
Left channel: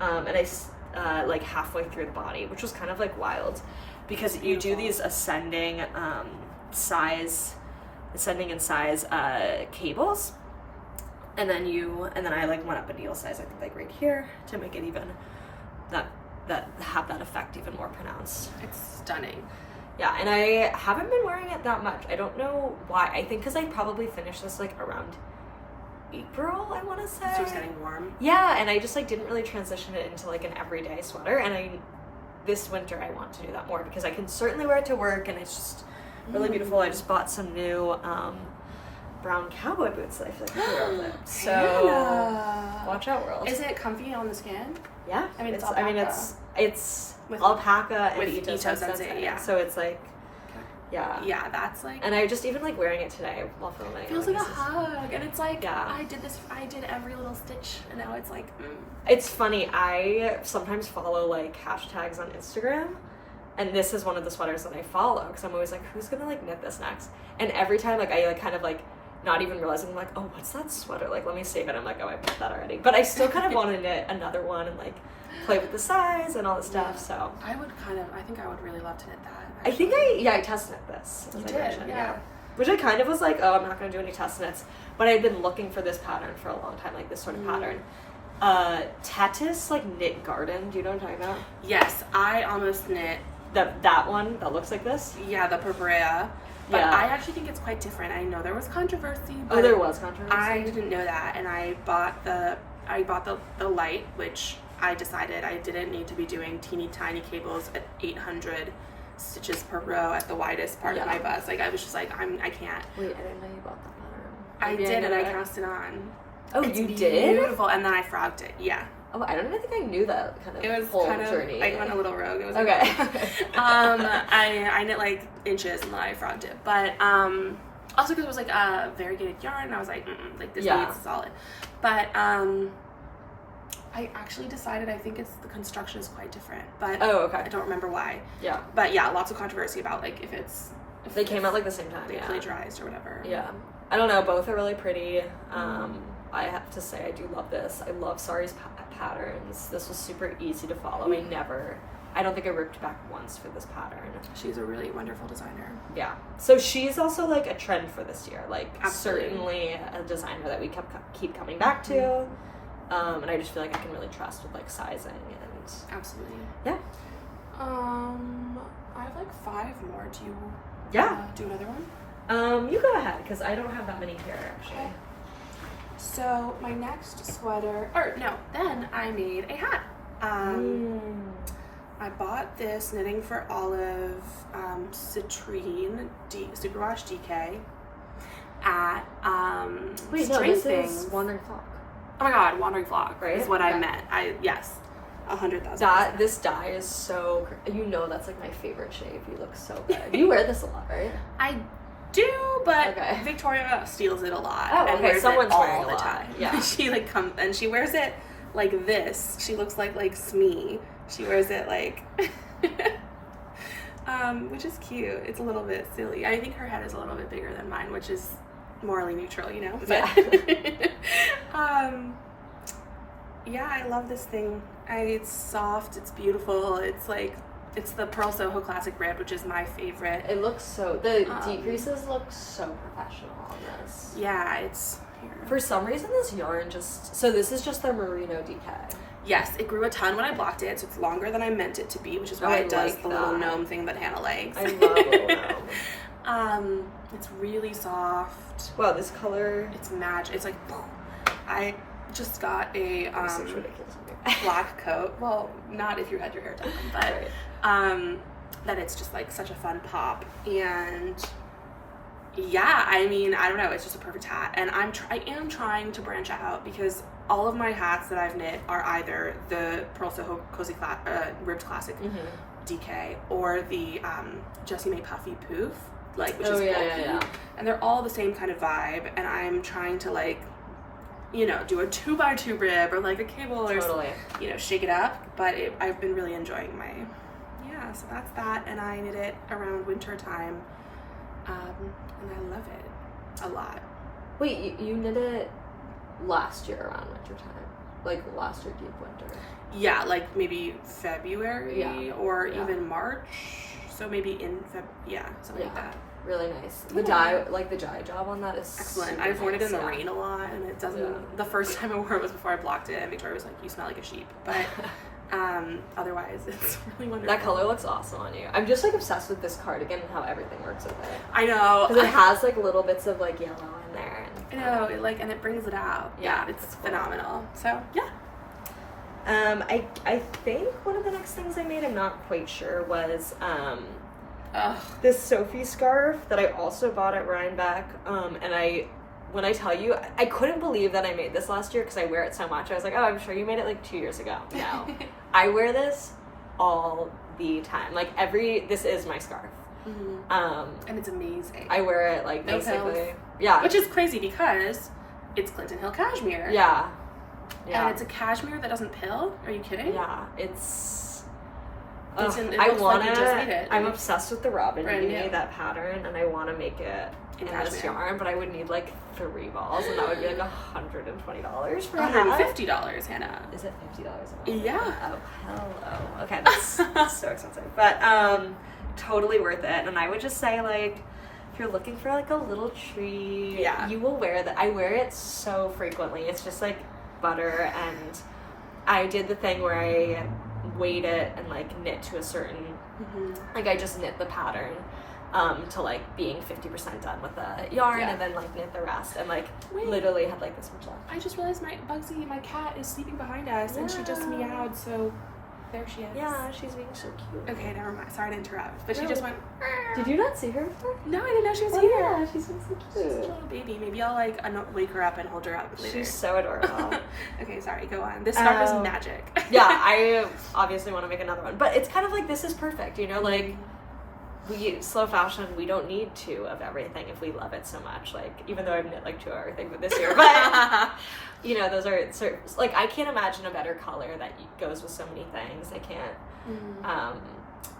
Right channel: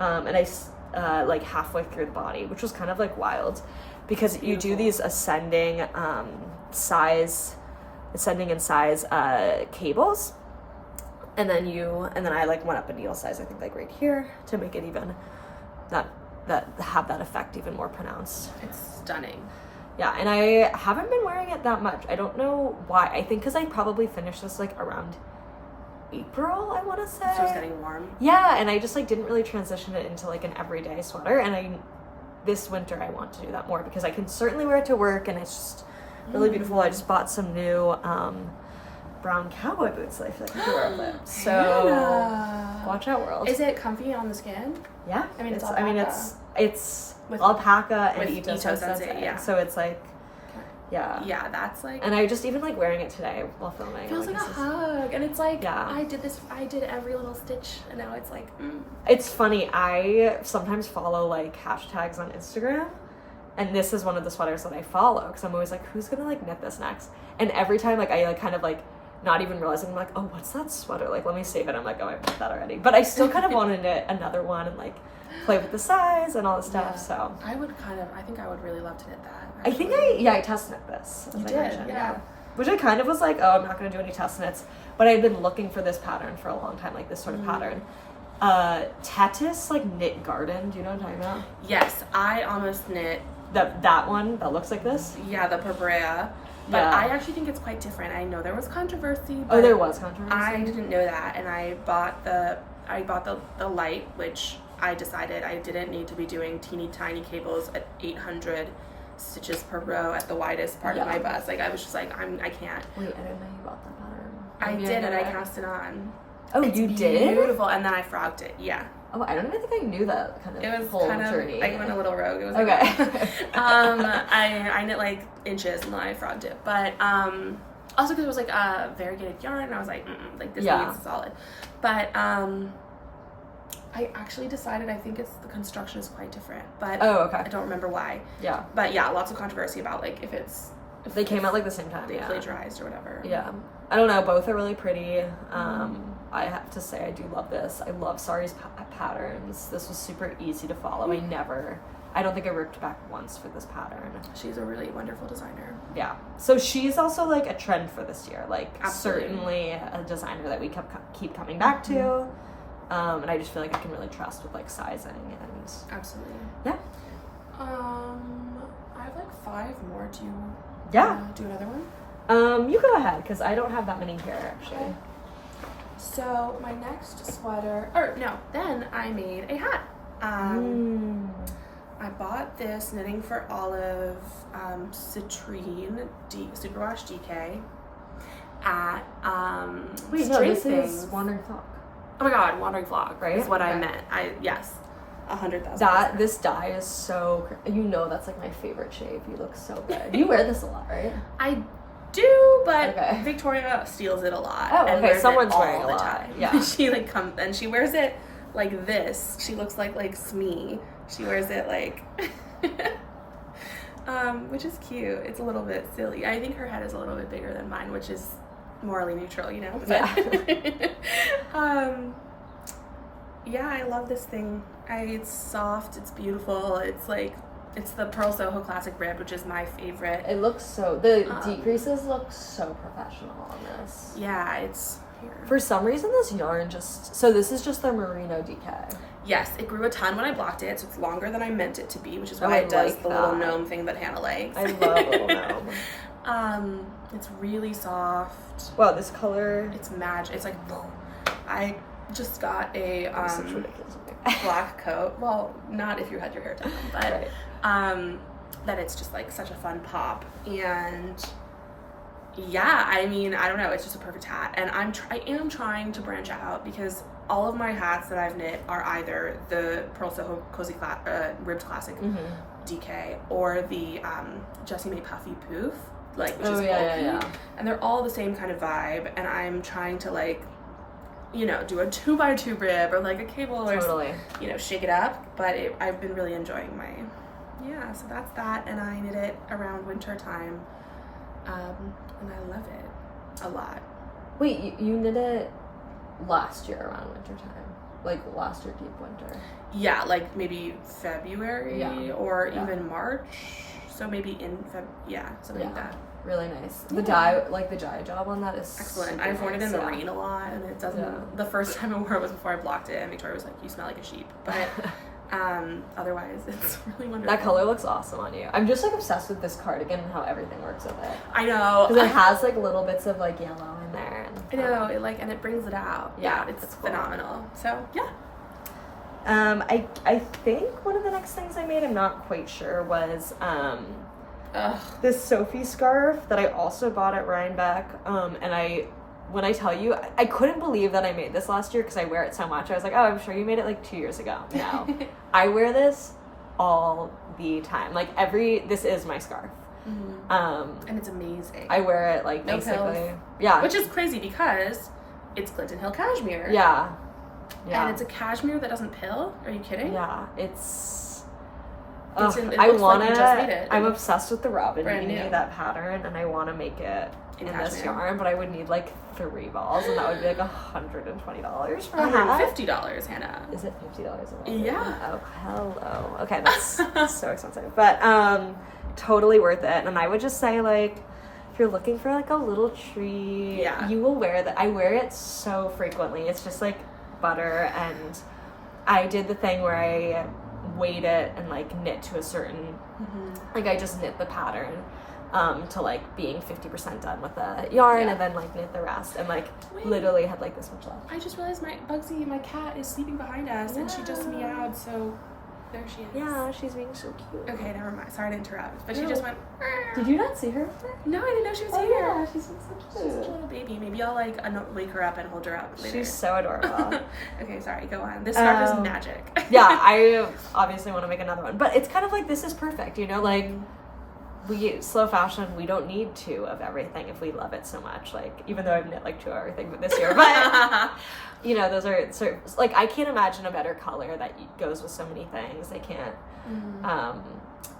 and I like halfway through the body, which was kind of like wild, because you do these ascending in size cables, and then I like went up a needle size, I think like right here, to make it even that have that effect even more pronounced. It's stunning. Yeah, and I haven't been wearing it that much. I don't know why. I think because I probably finished this like around April, I want to say. So it's getting warm. Yeah, and I just like didn't really transition it into like an everyday sweater. And this winter I want to do that more because I can certainly wear it to work, and it's just really beautiful. I just bought some new brown cowboy boots that I feel like I can wear with. So watch out, world. Is it comfy on the skin? Yeah, I mean it's alpaca. It's with alpaca and Ito Sensei. Yeah. So it's like, yeah, that's like. And I just even like wearing it today while filming. It feels like a hug, and it's like I did every little stitch, and now it's like. It's funny. I sometimes follow like hashtags on Instagram, and this is one of the sweaters that I follow because I'm always like, who's gonna like knit this next? And every time like I like kind of like. Not even realizing, I'm like, oh, what's that sweater? Like, let me save it. I'm like, oh, I put that already. But I still kind of want to knit another one and, like, play with the size and all the stuff, so. I think I would really love to knit that, actually. I think I test knit this. You did, yeah. Which I kind of was like, oh, I'm not going to do any test knits. But I've been looking for this pattern for a long time, like this sort of pattern. Tetis, like, knit garden. Do you know what I'm talking about? Yes, I almost knit. That one that looks like this? Yeah, the Purl. But I actually think it's quite different. I know there was controversy. But there was controversy. I didn't know that, and I bought the light, which I decided I didn't need to be doing teeny tiny cables at 800 stitches per row at the widest part of my bust. Like I was just like I can't. Wait, I didn't know you bought that pattern. I did, and I cast it on. Oh, it's you did? Beautiful, and then I frogged it. Yeah. Oh, I don't even think I knew that kind of It was whole kind of, journey. I went a little rogue. It was okay. I knit like inches and then I frogged it. But also because it was like a variegated yarn, and I was like, like this needs solid. But I actually decided I think the construction is quite different. But I don't remember why. Yeah. But yeah, lots of controversy about like if they came out like the same time. They plagiarized or whatever. Yeah. I don't know. Both are really pretty. I have to say I do love this. I love Sari's patterns. This was super easy to follow. I don't think I ripped back once for this pattern. She's a really wonderful designer. Yeah. So she's also like a trend for this year. Like Absolutely. Certainly a designer that we keep coming back to. And I just feel like I can really trust with like sizing and absolutely. Yeah. I have like 5 more. Do you do another one? You go ahead because I don't have that many here actually. Okay. So my next sweater, then I made a hat. I bought this Knitting for Olive citrine superwash DK at this is Wandering Flock. Oh my god, Wandering Flock, right? Is what I meant. Yes, 100,000%. This dye is so. That's like my favorite shape. You look so good. You wear this a lot, right? I do, but Victoria steals it a lot and wears Someone's it all wearing the a time. lot. Yeah, she like comes and she wears it like this. She looks like Smee. She wears it like, which is cute. It's a little bit silly. I think her head is a little bit bigger than mine, which is morally neutral, you know. But I love this thing. It's soft. It's beautiful. It's the Purl Soho Classic Ribbed, which is my favorite. It looks so. The decreases look so professional on this. Yeah, it's here. For some reason, this yarn this is just their Merino DK. Yes, it grew a ton when I blocked it, so it's longer than I meant it to be, which is why it does the little gnome thing that Hannah likes. I love little gnome. It's really soft. Wow, this color. It's magic. It's like, I just got a such ridiculous. black coat. Well, not if you had your hair done, but that it's just like such a fun pop. And yeah, I mean, I don't know, it's just a perfect hat. And I am trying to branch out because all of my hats that I've knit are either the Purl Soho Ribbed Classic DK or the Jessie May Puffy Poof, which is bulky. Yeah. And they're all the same kind of vibe. And I'm trying to do a 2x2 rib or like a cable or shake it up. But I've been really enjoying so that's that. And I knit it around winter time, and I love it a lot. Wait, you knit it last year around winter time, like last year deep winter? Yeah, like maybe February or even March. So maybe in something like that. Really nice. The dye job on that is excellent. I've worn it in the rain a lot, and it doesn't. Yeah. The first time I wore it was before I blocked it, and Victoria was like, "You smell like a sheep," but otherwise, it's really wonderful. That color looks awesome on you. I'm just obsessed with this cardigan and how everything works with it. I know because it has little bits of yellow in there. And, I know and it brings it out. Yeah, it's phenomenal. So yeah. I think one of the next things I made, I'm not quite sure, was this Sophie scarf that I also bought at Rhinebeck. And when I tell you, I couldn't believe that I made this last year because I wear it so much. I was like, oh, I'm sure you made it 2 years ago. No. I wear this all the time. This is my scarf. Mm-hmm. And it's amazing. I wear it no basically. Pills. Yeah. Which is crazy because it's Clinton Hill cashmere. Yeah. And it's a cashmere that doesn't pill. Are you kidding? Yeah. It's I want to. Just made it. I'm obsessed with the Robin Brand beanie, new. That pattern, and I want to make it in this yarn, but I would need 3 balls, and that would be $120 for $150, Hannah. Is it $50 Yeah. Oh, hello. Okay, that's so expensive, but totally worth it. And I would just say if you're looking for a little treat, you will wear that. I wear it so frequently. It's just butter, and I did the thing where I weight it and knit to a certain I just knit the pattern to being 50% done with the yarn and then knit the rest and literally had this much left. I just realized my cat is sleeping behind us and she just meowed, so there she is. Yeah, she's being so cute. Okay, never mind. Sorry to interrupt. But No. she just went. Did you not see her before? No, I didn't know she was Oh, here. yeah, she's been so She's a cute. little baby. Maybe I'll like wake her up and hold her up later. She's so adorable. Okay, sorry. Go on. This scarf is magic. Yeah, I obviously want to make another one. But it's kind of like, this is perfect, you know? Like, we, slow fashion, we don't need 2 of everything if we love it so much. Like, even though I've knit like 2 of everything for this year. But, you know, those are, like, I can't imagine a better color that goes with so many things. I can't.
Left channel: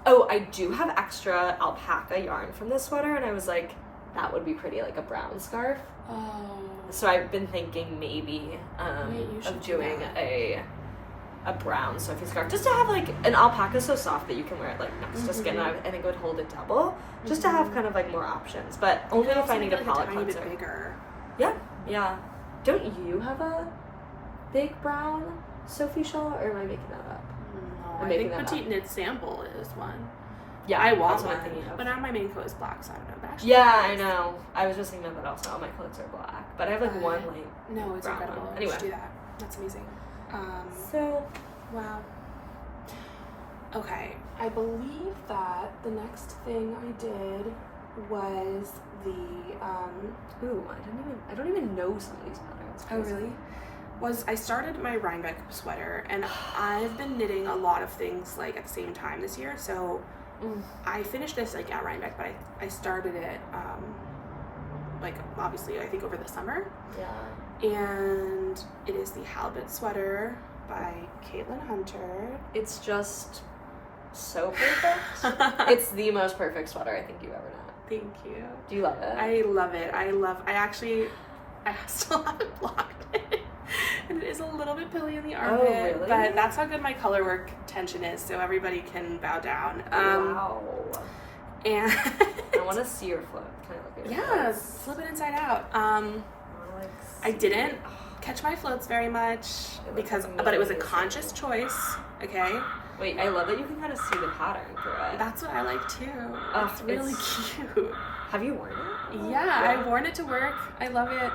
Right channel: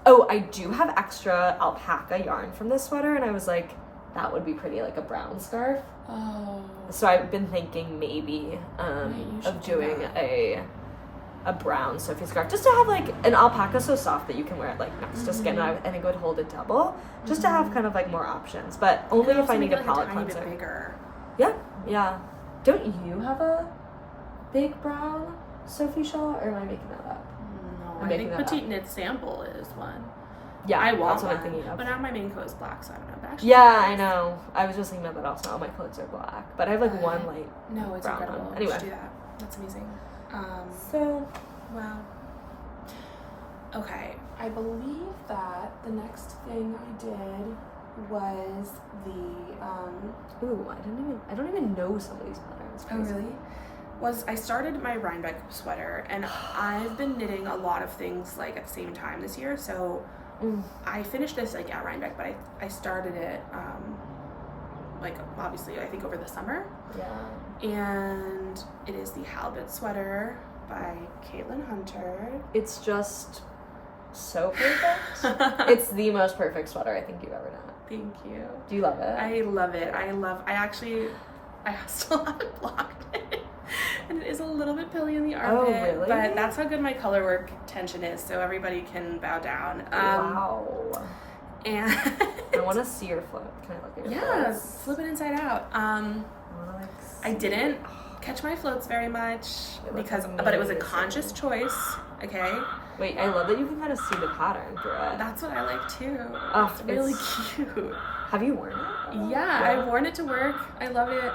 Oh, I do have extra alpaca yarn from this sweater, and I was like, that would be pretty, like a brown scarf. Oh. So I've been thinking maybe you should of do doing that. a brown Sophie scarf, just to have like an alpaca so soft that you can wear it like next to skin, and I think it would hold it double, just to have kind of like more options. But only if I need a palette tiny cleanser. bit bigger. Yeah. Don't you have a big brown Sophie shawl, or am I making that up? No, I'm I making think that Petite up. Knit Sample is one. Yeah, I want that's what one, I'm thinking of. but now my main coat is black, so I don't know. But actually, Yeah, I know. I was just thinking that also. All my clothes are black, but I have like one light. No, it's brown incredible. one. Anyway, Anyway. do that. That's amazing. So Wow. Okay, I believe that the next thing I did was the ooh, I don't even know some of these patterns. oh really? I started my Rhinebeck sweater, and I've been knitting a lot of things like at the same time this year. So I finished this like at Rhinebeck, but I started it like obviously I think over the summer. Yeah. And it is the Halibut sweater by Caitlin Hunter. It's just so perfect. It's the most perfect sweater I think you've ever done. Thank you. Do you love it? I love it. I still haven't blocked it. And it is a little bit pilly in the armpit. Oh, really? But that's how good my color work tension is, so everybody can bow down. Wow. And I want to see your float. Can I look at your yeah, floats? flip it inside out. I wanna, like, I see. didn't catch my floats very much but it was a conscious choice. Okay, Wait, I love that you can kind of see the pattern through it. that's what I like too. Oh, It's really cute. Have you worn it? Yeah, I've worn it to work. I love it.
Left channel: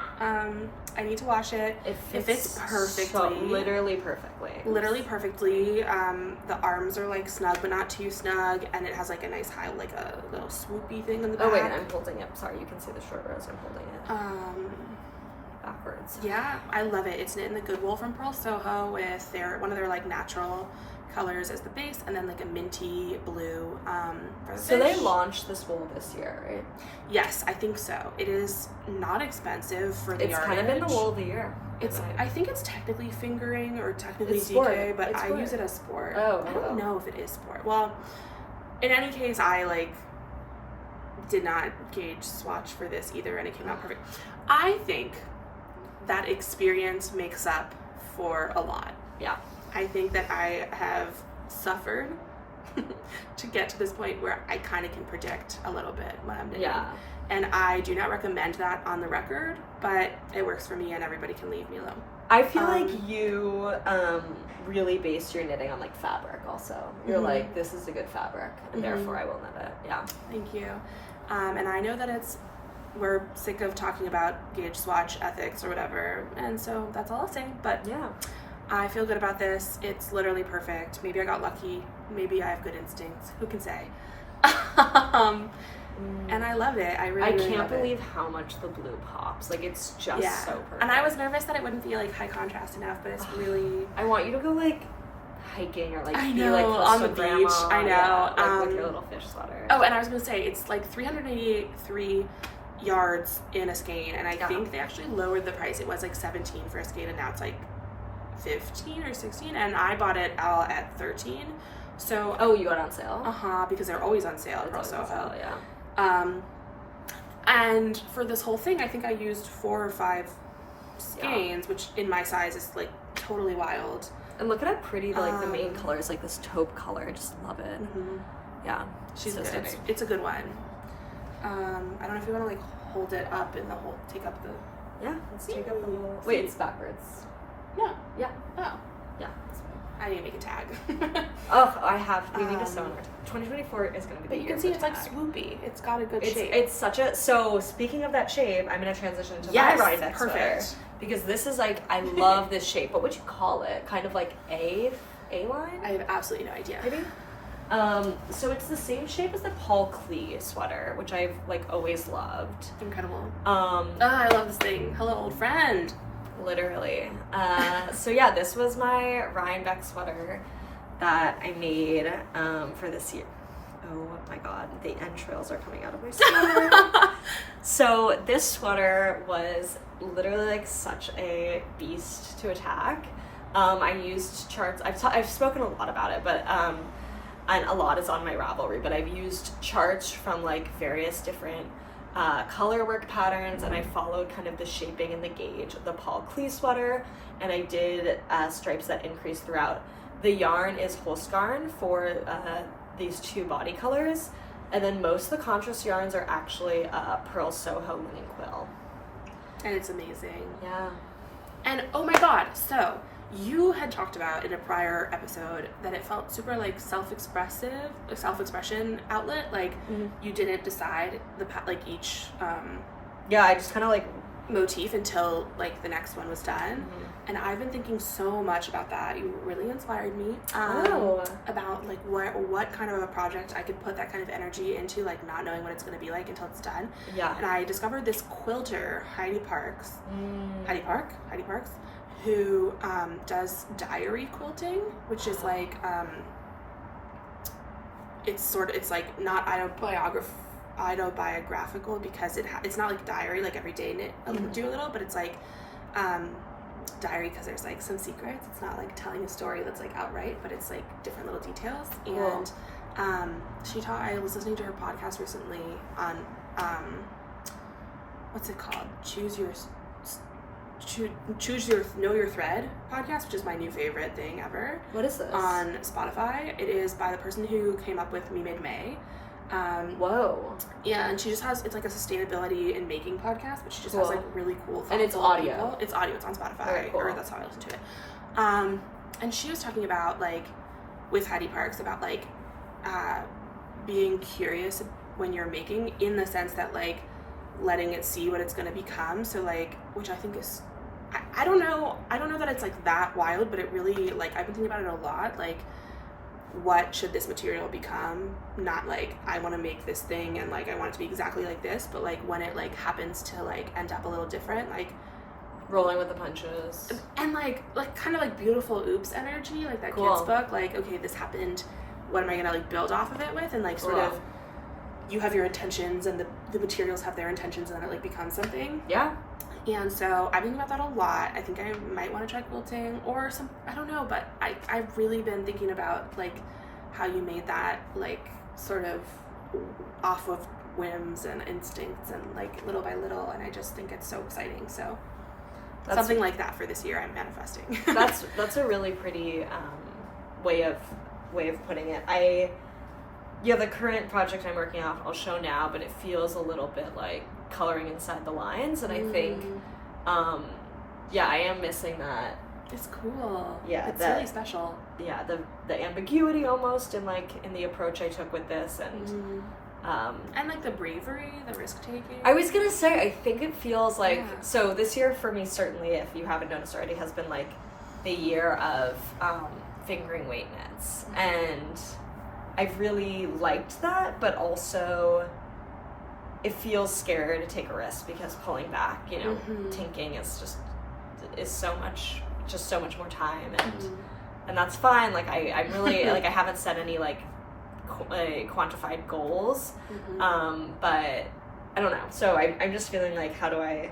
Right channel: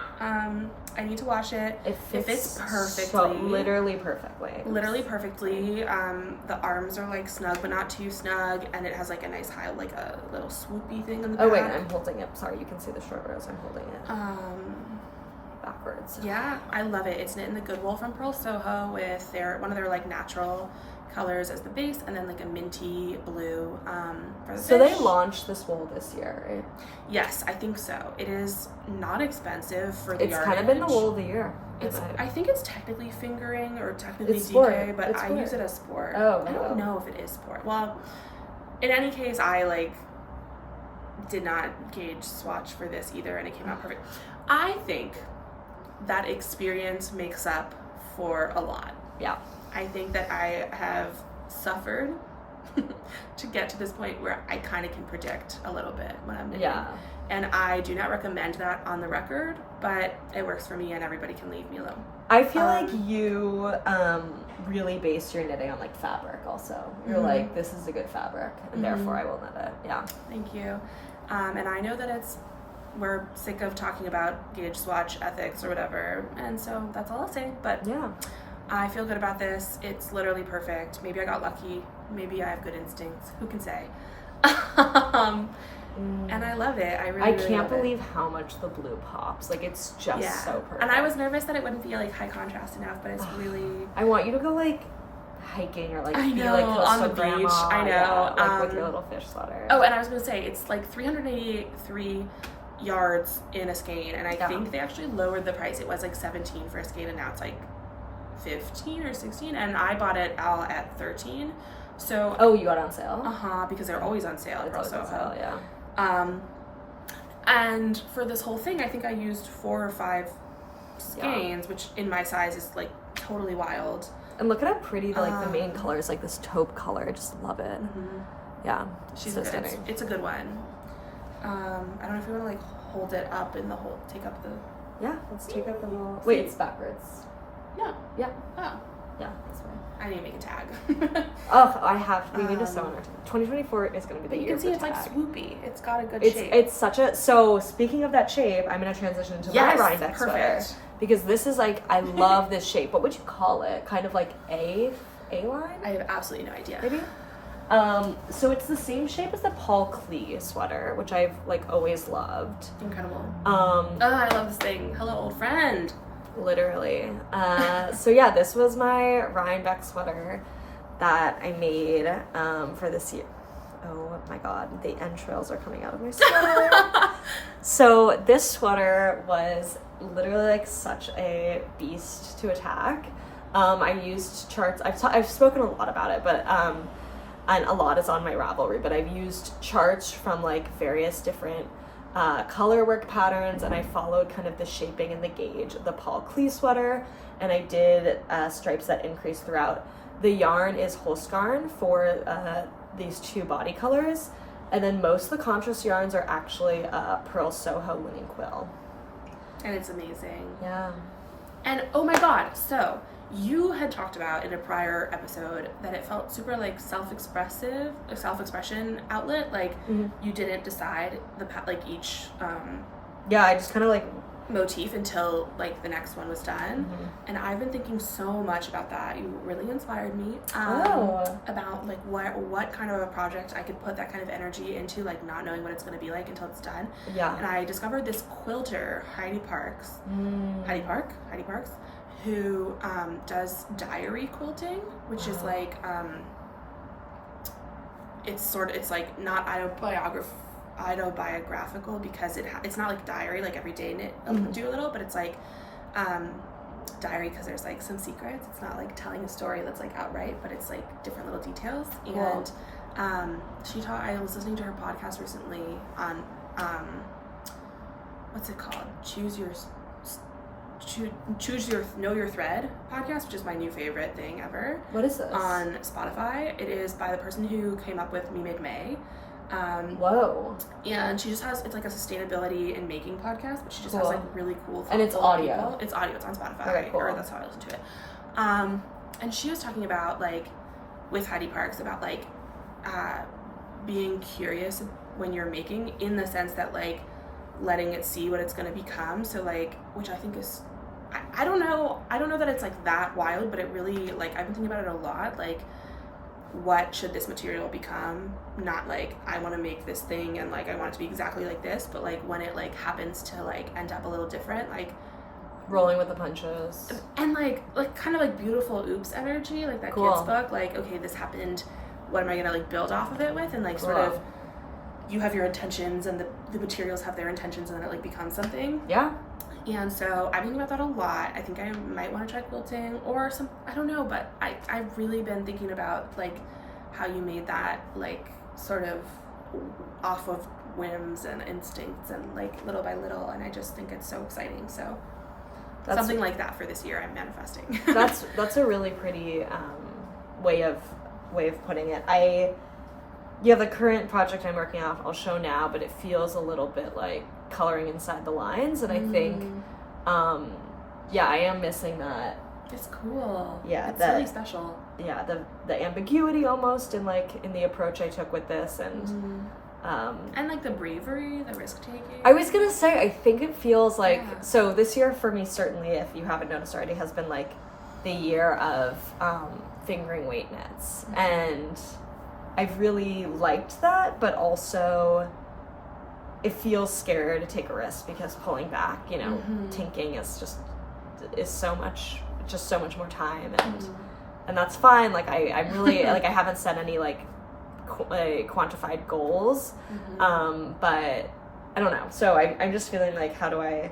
I need to wash it. It fits perfectly. So, literally perfectly. Literally perfectly. The arms are like snug but not too snug, and it has like a nice high, like a little swoopy thing in the back. Oh wait, I'm holding it. Sorry, you can see the short rows. I'm holding it backwards. Yeah, I love it. It's knit in the Good Wool from Purl Soho with one of their like natural colors as the base, and then like a minty blue for the So fish. they launched this wool this year, right? Yes, I think so. It is not expensive for the It's yardage. kind of been the wool of the year. I think it's technically fingering or technically It's DK, sport. but It's I sport. use it as sport. Oh, I don't know if it is sport. Well, in any case, I like did not gauge swatch for this either, and it came out perfect. I think that experience makes up for a lot. Yeah. I think that I have suffered to get to this point where I kind of can predict a little bit when I'm knitting. Yeah. And I do not recommend that on the record, but it works for me and everybody can leave me alone. I feel like you really base your knitting on like fabric also. You're like, this is a good fabric, and therefore I will knit it. Yeah. Thank you. And I know that we're sick of talking about gauge swatch ethics or whatever, and so that's all I'll say. But Yeah. I feel good about this. It's literally perfect. Maybe I got lucky. Maybe I have good instincts. Who can say? And I love it. I really can't love believe how much the blue pops. Like, it's just so perfect. And I was nervous that it wouldn't be like high contrast enough, but it's really. I want you to go like hiking or like I be know, like close on to the grandma. beach. I know. Yeah, like with your little fish sweater. Oh, and I was gonna say it's like 383 yards in a skein, and I think they actually lowered the price. It was like 17 for a skein, and now it's like 15 or 16, and I bought it all at 13. So you got it on sale? Because they're always on sale at It's Purl always on Soho. sale, yeah. And for this whole thing, I think I used 4 or 5 skeins, which in my size is like totally wild. And look at how pretty the main color is, like this taupe color. I just love it. Yeah, She's so good. stunning. It's a good one. I don't know if you want to like hold it up in the whole, take up the. Yeah, let's take up the whole. See? Wait, it's backwards. No. Yeah. Oh. Yeah, that's fine. I need to make a tag. Oh, I have. We need to sew in our 2024 is going to be the But you year can see of it's the like tag. swoopy. It's got a good It's shape. it's such a. So speaking of that shape, I'm going to transition to Yes, my Rhinebeck perfect. sweater, because this is like, I love this shape. What would you call it? Kind of like A A-line? I have absolutely no idea. Maybe? So it's the same shape as the Paul Klee sweater, which I've like always loved. Incredible. I love this thing. Hello, old friend. Literally. So yeah, this was my Rhinebeck sweater that I made for this year. Oh my god, the entrails are coming out of my sweater. So this sweater was literally like such a beast to attack. I used charts. I've spoken a lot about it, but and a lot is on my Ravelry, but I've used charts from like various different color work patterns, and I followed kind of the shaping and the gauge of the Paul Klee sweater, and I did stripes that increase throughout. The yarn is Holst Garn for these two body colors, and then most of the contrast yarns are actually Purl Soho linen Quill. And it's amazing. Yeah. And oh my god, so you had talked about in a prior episode that it felt super like self-expressive, a self-expression outlet. Like you didn't decide like each yeah, I just kind of like motif until like the next one was done. And I've been thinking so much about that. You really inspired me about like what kind of a project I could put that kind of energy into, like not knowing what it's going to be like until it's done. Yeah. And I discovered this quilter, Heidi Parks, who does diary quilting, which is like it's like not autobiographical because it's not like diary like every day do a little, but it's like diary because there's like some secrets. It's not like telling a story that's like outright, but it's like different little details. Cool. And I was listening to her podcast recently on what's it called? Choose Your Know Your Thread podcast, which is my new favorite thing ever. What is this? On Spotify. It is by the person who came up with Me Made May. Whoa. Yeah, and she just has, it's like a sustainability and making podcast, but she just has like really cool, and it's audio. People. It's audio. It's on Spotify. Very cool. Or that's how I listen to it. And she was talking about like with Heidi Parks about like being curious when you're making, in the sense that like letting it see what it's going to become. So like, which I think is, I don't know that it's like that wild, but it really, like, I've been thinking about it a lot. Like, what should this material become? Not like I want to make this thing and like I want it to be exactly like this, but like when it like happens to like end up a little different, like rolling with the punches, and like kind of like beautiful oops energy, like that cool. kids book, like, okay, this happened, what am I gonna like build off of it with? And like sort of you have your intentions and the materials have their intentions, and then it like becomes something. Yeah. And so I've been thinking about that a lot. I think I might want to try quilting or some, I don't know, but I've really been thinking about like how you made that like sort of off of whims and instincts and like little by little, and I just think it's so exciting. So something like that for this year I'm manifesting. that's a really pretty way of putting it. The current project I'm working on, I'll show now, but it feels a little bit like coloring inside the lines, and I think I am missing that. It's cool. Yeah, it's really special. Yeah, the ambiguity almost in the approach I took with this, and like the bravery, the risk taking. I was gonna say, I think it feels like so this year for me, certainly, if you haven't noticed already, has been like the year of fingering weight knits, and I've really liked that, but also it feels scary to take a risk because pulling back, tinking is so much more time, and that's fine. Like I'm really like I haven't set any like quantified goals, but I don't know. So I'm just feeling like how do I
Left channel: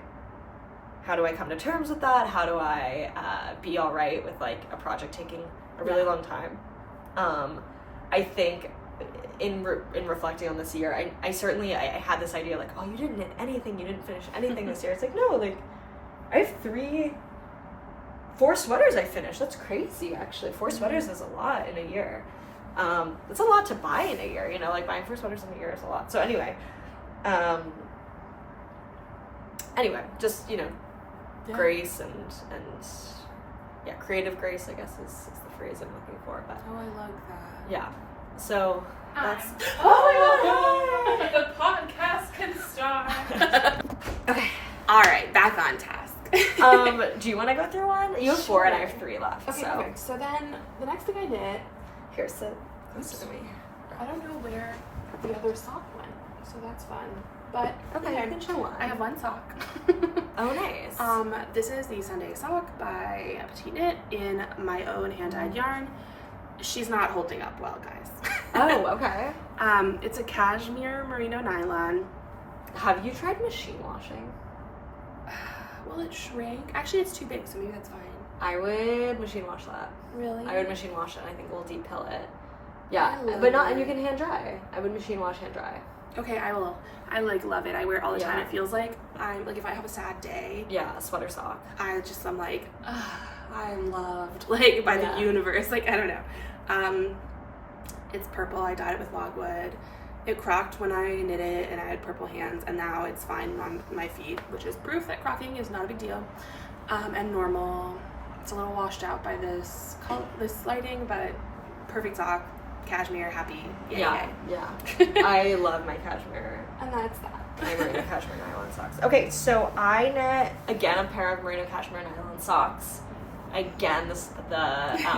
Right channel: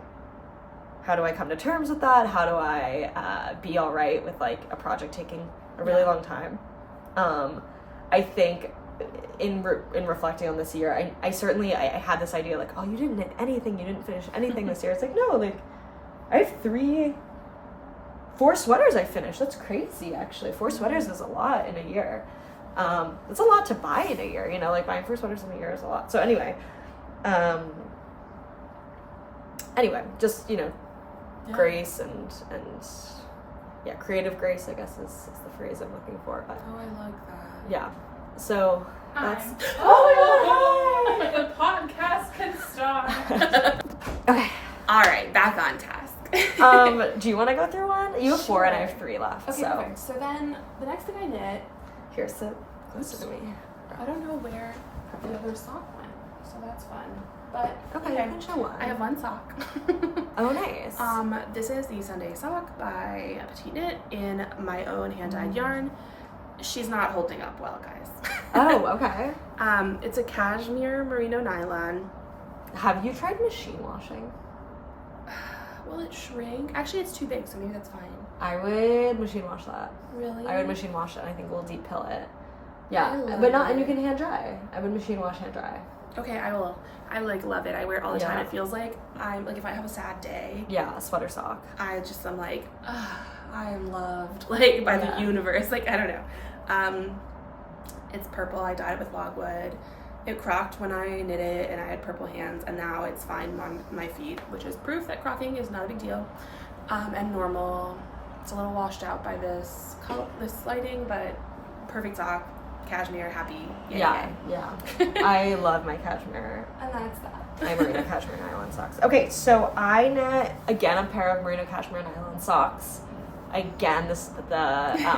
come to terms with that? How do I be all right with like a project taking a really long time? I think in reflecting on this year, I certainly had this idea like, oh, you didn't knit anything, you didn't finish anything this year. It's like, no, like I have 4 sweaters I finished. That's crazy, actually. 4 sweaters is a lot in a year. It's a lot to buy in a year, like buying 4 sweaters in a year is a lot. So anyway, just, grace and creative grace, I guess is the phrase I'm looking for. But I like that. yeah. So that's the podcast can start. Okay. All right, back on task. Do you want to go through one? You have 4 and I have 3 left. Okay, so. perfect. So then the next thing I knit, Here, sit closer to me. I don't know where the other sock went, so that's fun. But Okay, you can show one. I have one sock. Oh, nice. This is the Sunday sock by Petite Knit in my own hand-dyed yarn. She's not holding up well, guys. Oh, okay. It's a cashmere merino nylon. Have you tried machine washing? Will it shrink? Actually, it's too big, so maybe that's fine. I would machine wash that. Really? I would machine wash it. I think we'll deep pill it. Yeah, I love but not, and it. you can hand dry. I would machine wash, hand dry. Okay, I will. I like love it. I wear it all the time. Yeah. It feels like I'm like if I have a sad day, Yeah, a sweater sock. I'm like, I am loved like by the universe. Like I don't know. It's purple. I dyed it with logwood. It crocked when I knit it, and I had purple hands, and now it's fine on my feet, which is proof that crocking is not a big deal. And normal. It's a little washed out by this lighting, but perfect sock. Cashmere, happy. Yeah. I love my cashmere. And that's that. My merino cashmere nylon socks. Okay, so I knit again a pair of merino cashmere nylon socks. Again, the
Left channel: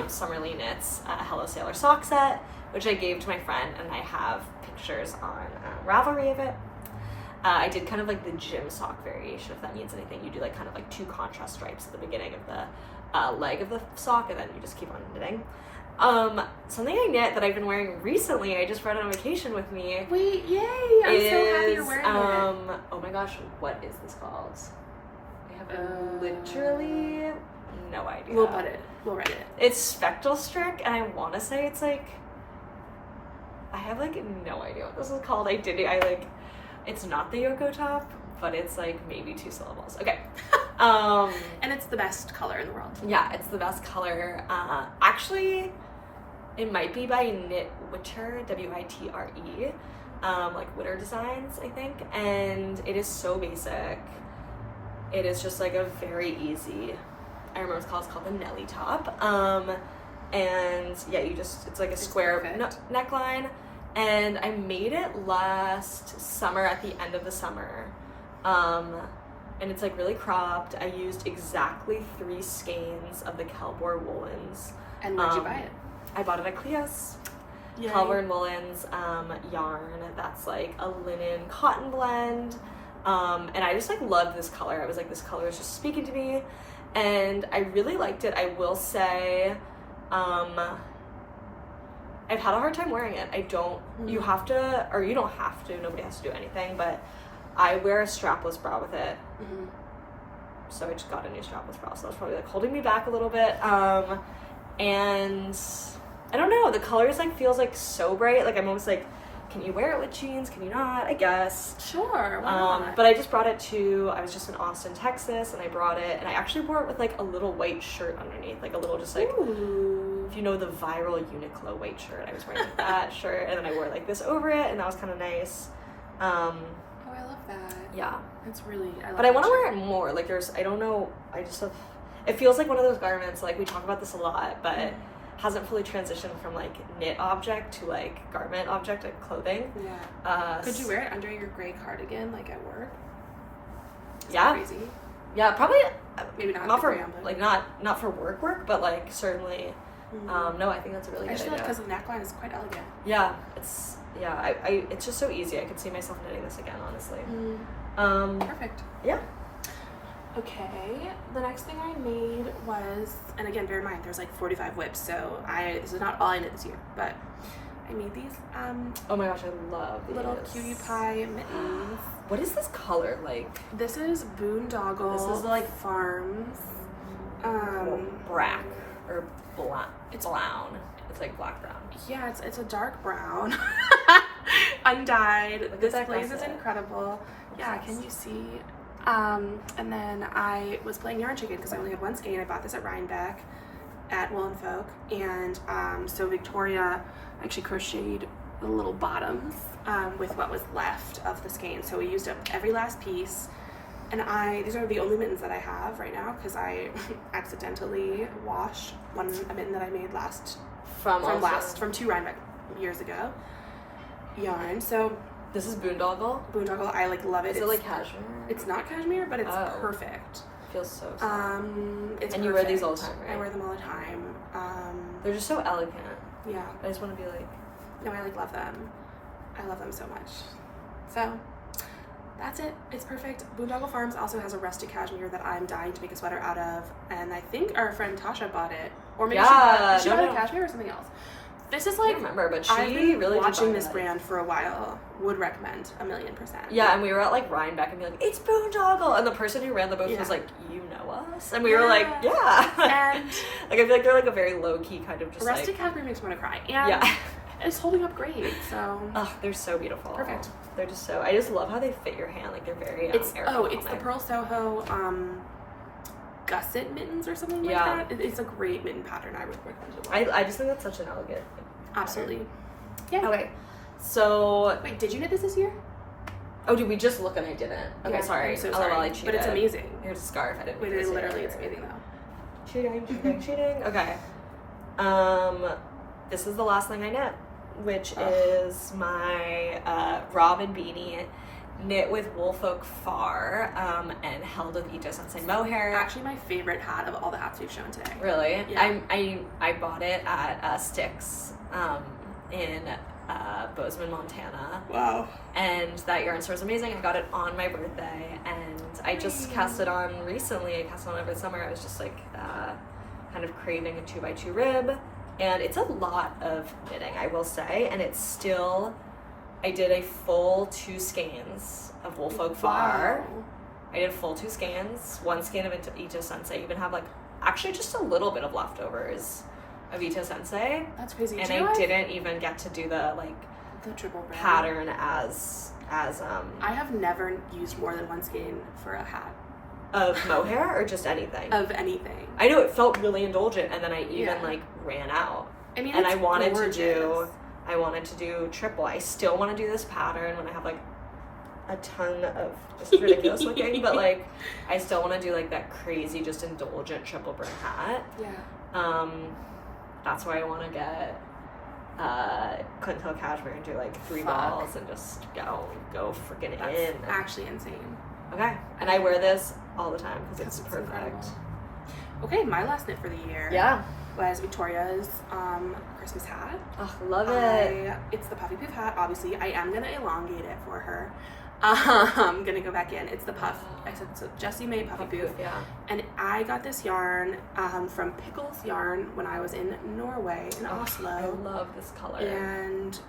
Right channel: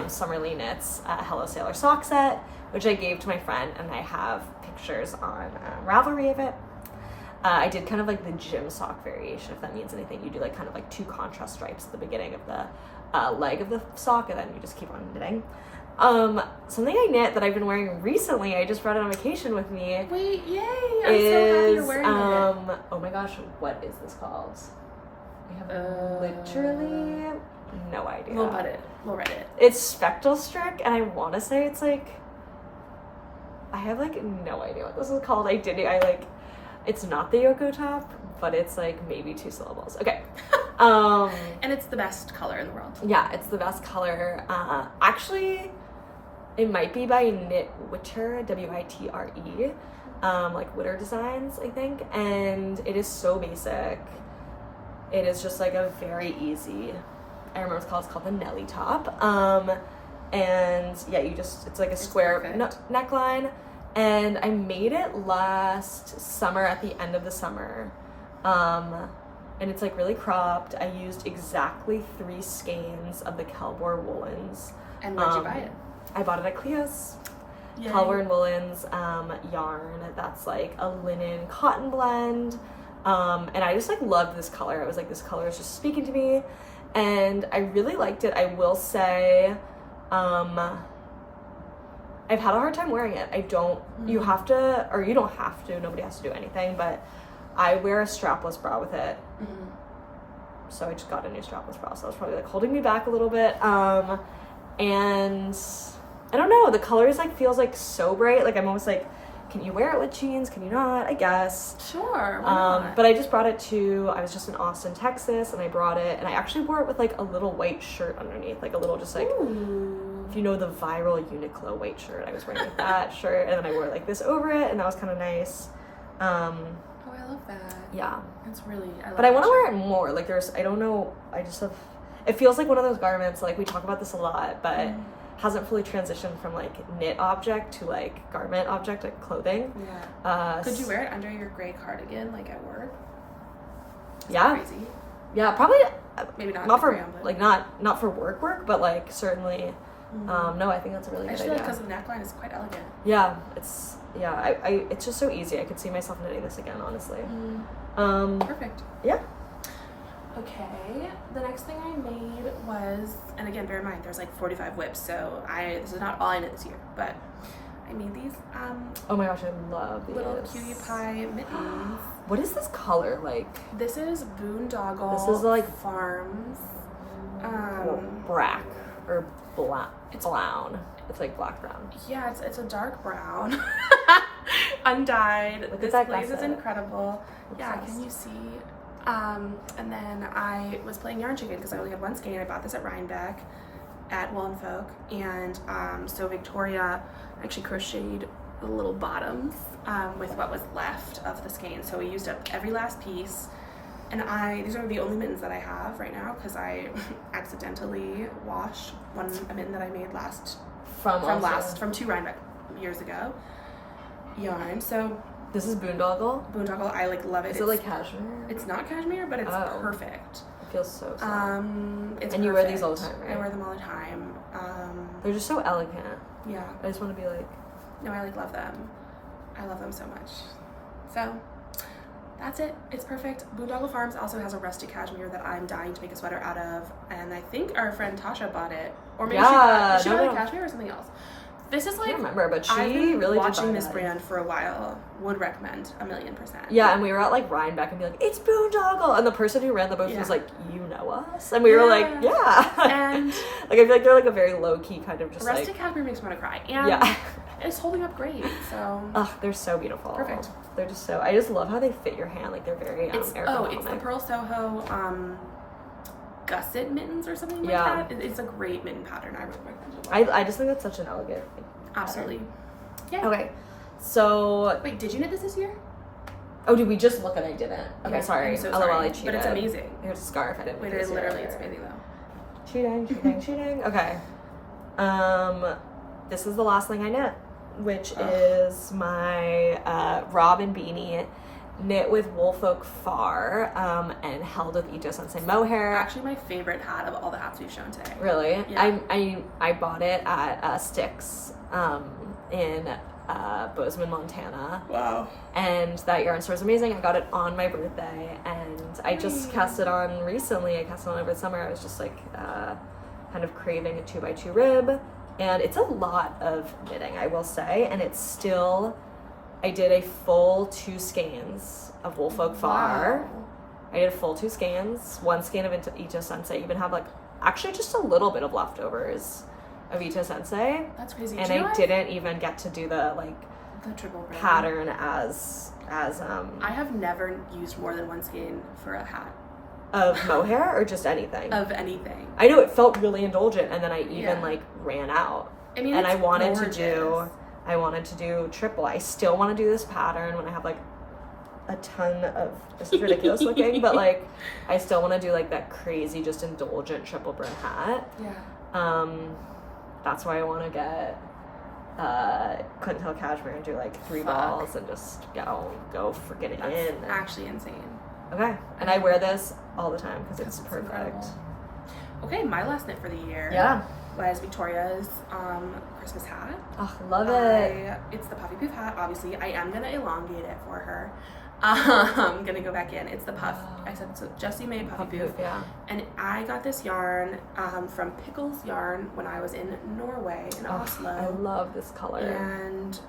Summerly Knits Hello Sailor sock set, which I gave to my friend, and I have pictures on Ravelry of it. I did kind of like the gym sock variation, if that means anything. You do like kind of like 2 contrast stripes at the beginning of the leg of the sock, and then you just keep on knitting. Something I knit that I've been wearing recently, I just brought it on vacation with me. Wait, yay! I'm so happy you're wearing it. Oh my gosh, what is this called? I have literally no idea. We'll write it. It's Spectral-Strick, and I want to say it's like, I have like no idea what this is called. It's not the Yoko top, but it's like maybe 2 syllables. Okay. And it's the best color in the world. Yeah, it's the best color. Actually, it might be by Knit Witter, W-I-T-R-E, like Witter Designs, I think. And it is so basic. It is just like a very easy, I remember it's called the Nelly top. And yeah, it's like a square neckline. And I made it last summer, at the end of the summer. And it's like really cropped. I used exactly 3 skeins of the Kelbor woolens. And where'd you buy it? I bought it at Cleo's. Yay. Kelbor and woolens yarn. That's like a linen cotton blend. And I just like loved this color. I was like, this color is just speaking to me. And I really liked it. I will say, I've had a hard time wearing it. You have to, or you don't have to, nobody has to do anything, but I wear a strapless bra with it. Mm-hmm. So I just got a new strapless bra, so it's probably like holding me back a little bit. And I don't know, the colors like feels like so bright. Like I'm almost like, can you wear it with jeans? Can you not? I guess. Sure, why not? But I just brought it I was just in Austin, Texas, and I brought it, and I actually wore it with like a little white shirt underneath, like a little just like, Ooh. if you know the viral Uniqlo white shirt, I was wearing like that shirt, and then I wore like this over it, and that was kind of nice. Oh, I love that. Yeah. It's really, I love But I want to that wear it more. Like I don't know, I just have, it feels like one of those garments, like we talk about this a lot, but hasn't fully transitioned from like knit object to like garment object, like clothing. Yeah. Could you wear it under your gray cardigan, like at work? Is yeah. that crazy? Yeah, probably. Maybe not. Not for gray, but like not for work, but like certainly. No, I think that's a really good idea. Because the neckline is quite elegant. Yeah, it's it's just so easy. I could see myself knitting this again, honestly. Perfect. Yeah. Okay, the next thing I made was, and again, bear in mind, there's like 45 whips, so this is not all I knit this year, but I made these oh my gosh, I love these little cutie pie mittens. What is this color like? This is Boondoggle. This is like Farms. Black or black. It's brown. It's like black brown. Yeah, it's a dark brown. Undyed. Look This at that place is gusset. incredible. Yeah, Obsessed. can you see? And then I was playing yarn chicken because I only had one skein. I bought this at Rhinebeck at Woolfolk, and so Victoria actually crocheted the little bottoms with what was left of the skein. So we used up every last piece, and these are the only mittens that I have right now because I accidentally washed a mitten that I made from 2 Rhinebeck years ago yarn. So this is Boondoggle. I like love it. Is it like cashmere? It's not cashmere, but it's perfect. Feels so It's and perfect. you wear these all the time, right? I wear them all the time. They're just so elegant. Yeah. I just want to be like... No, I love them. I love them so much. So, that's it. It's perfect. Boondoggle Farms also has a rustic cashmere that I'm dying to make a sweater out of, and I think our friend Tasha bought it, or maybe she bought a cashmere or something else. This is like, I don't remember, but she I've been really watching this brand for a while. Would recommend 1,000,000%. Yeah, and we were at like Rhinebeck and be like, it's Boondoggle, and the person who ran the booth was like, you know us, and we were like, yeah, and like I feel like they're like a very low key kind of just rustic cashmere makes me want to cry, and it's holding up great. So they're so beautiful. Perfect. They're just so. I just love how they fit your hand. Like they're very. It's the Purl Soho gusset mittens or something like that. It's a great mitten pattern. I would recommend it. I just think that's such an elegant. Absolutely. Yeah. Okay. So wait, did you knit this year? Oh, did we just look and I didn't? Okay, yeah, sorry. I'm so sorry. I cheated. But it's amazing. Here's a scarf. I didn't. Wait, literally, it's amazing though. Cheating. Okay. This is the last thing I knit, which is my Robin beanie, knit with Woolfolk Far, and held with Ito Sensai mohair. Actually, my favorite hat of all the hats we've shown today. Really? Yeah. I bought it at Sticks in Bozeman, Montana. Wow. And that yarn store is amazing. I got it on my birthday, and I just cast it on recently. I cast it on over the summer. I was just like kind of craving a 2x2 rib, and it's a lot of knitting, I will say, and it's still... I did a full 2 skeins of Woolfolk Far. Wow. I did a full 2 skeins, 1 skein of Ito Sensei. I even have like actually just a little bit of leftovers of Ito Sensei. That's crazy. And I didn't even get to do the triple brand pattern as I have never used more than 1 skein for a hat. Of mohair or just anything? Of anything. I know it felt really indulgent, and then I even like ran out. I mean, and it's I wanted gorgeous. I wanted to do triple. I still want to do this pattern when I have like a ton of, it's ridiculous looking, but like I still want to do like that crazy just indulgent triple brim hat. Yeah. That's why I want to get couldn't tell cashmere and do like 3 balls and just go freaking in. Actually insane. Okay, and I wear this all the time because it's perfect. Incredible. Okay, my last knit for the year. Yeah. Was Victoria's Christmas hat. Oh, love it. It's the puffy poof hat. Obviously, I am gonna elongate it for her. I'm gonna go back in. It's the puff. I said so. Jessie made puffy poof. Yeah. And I got this yarn from Pickles Yarn when I was in Norway in Oslo. I love this color. And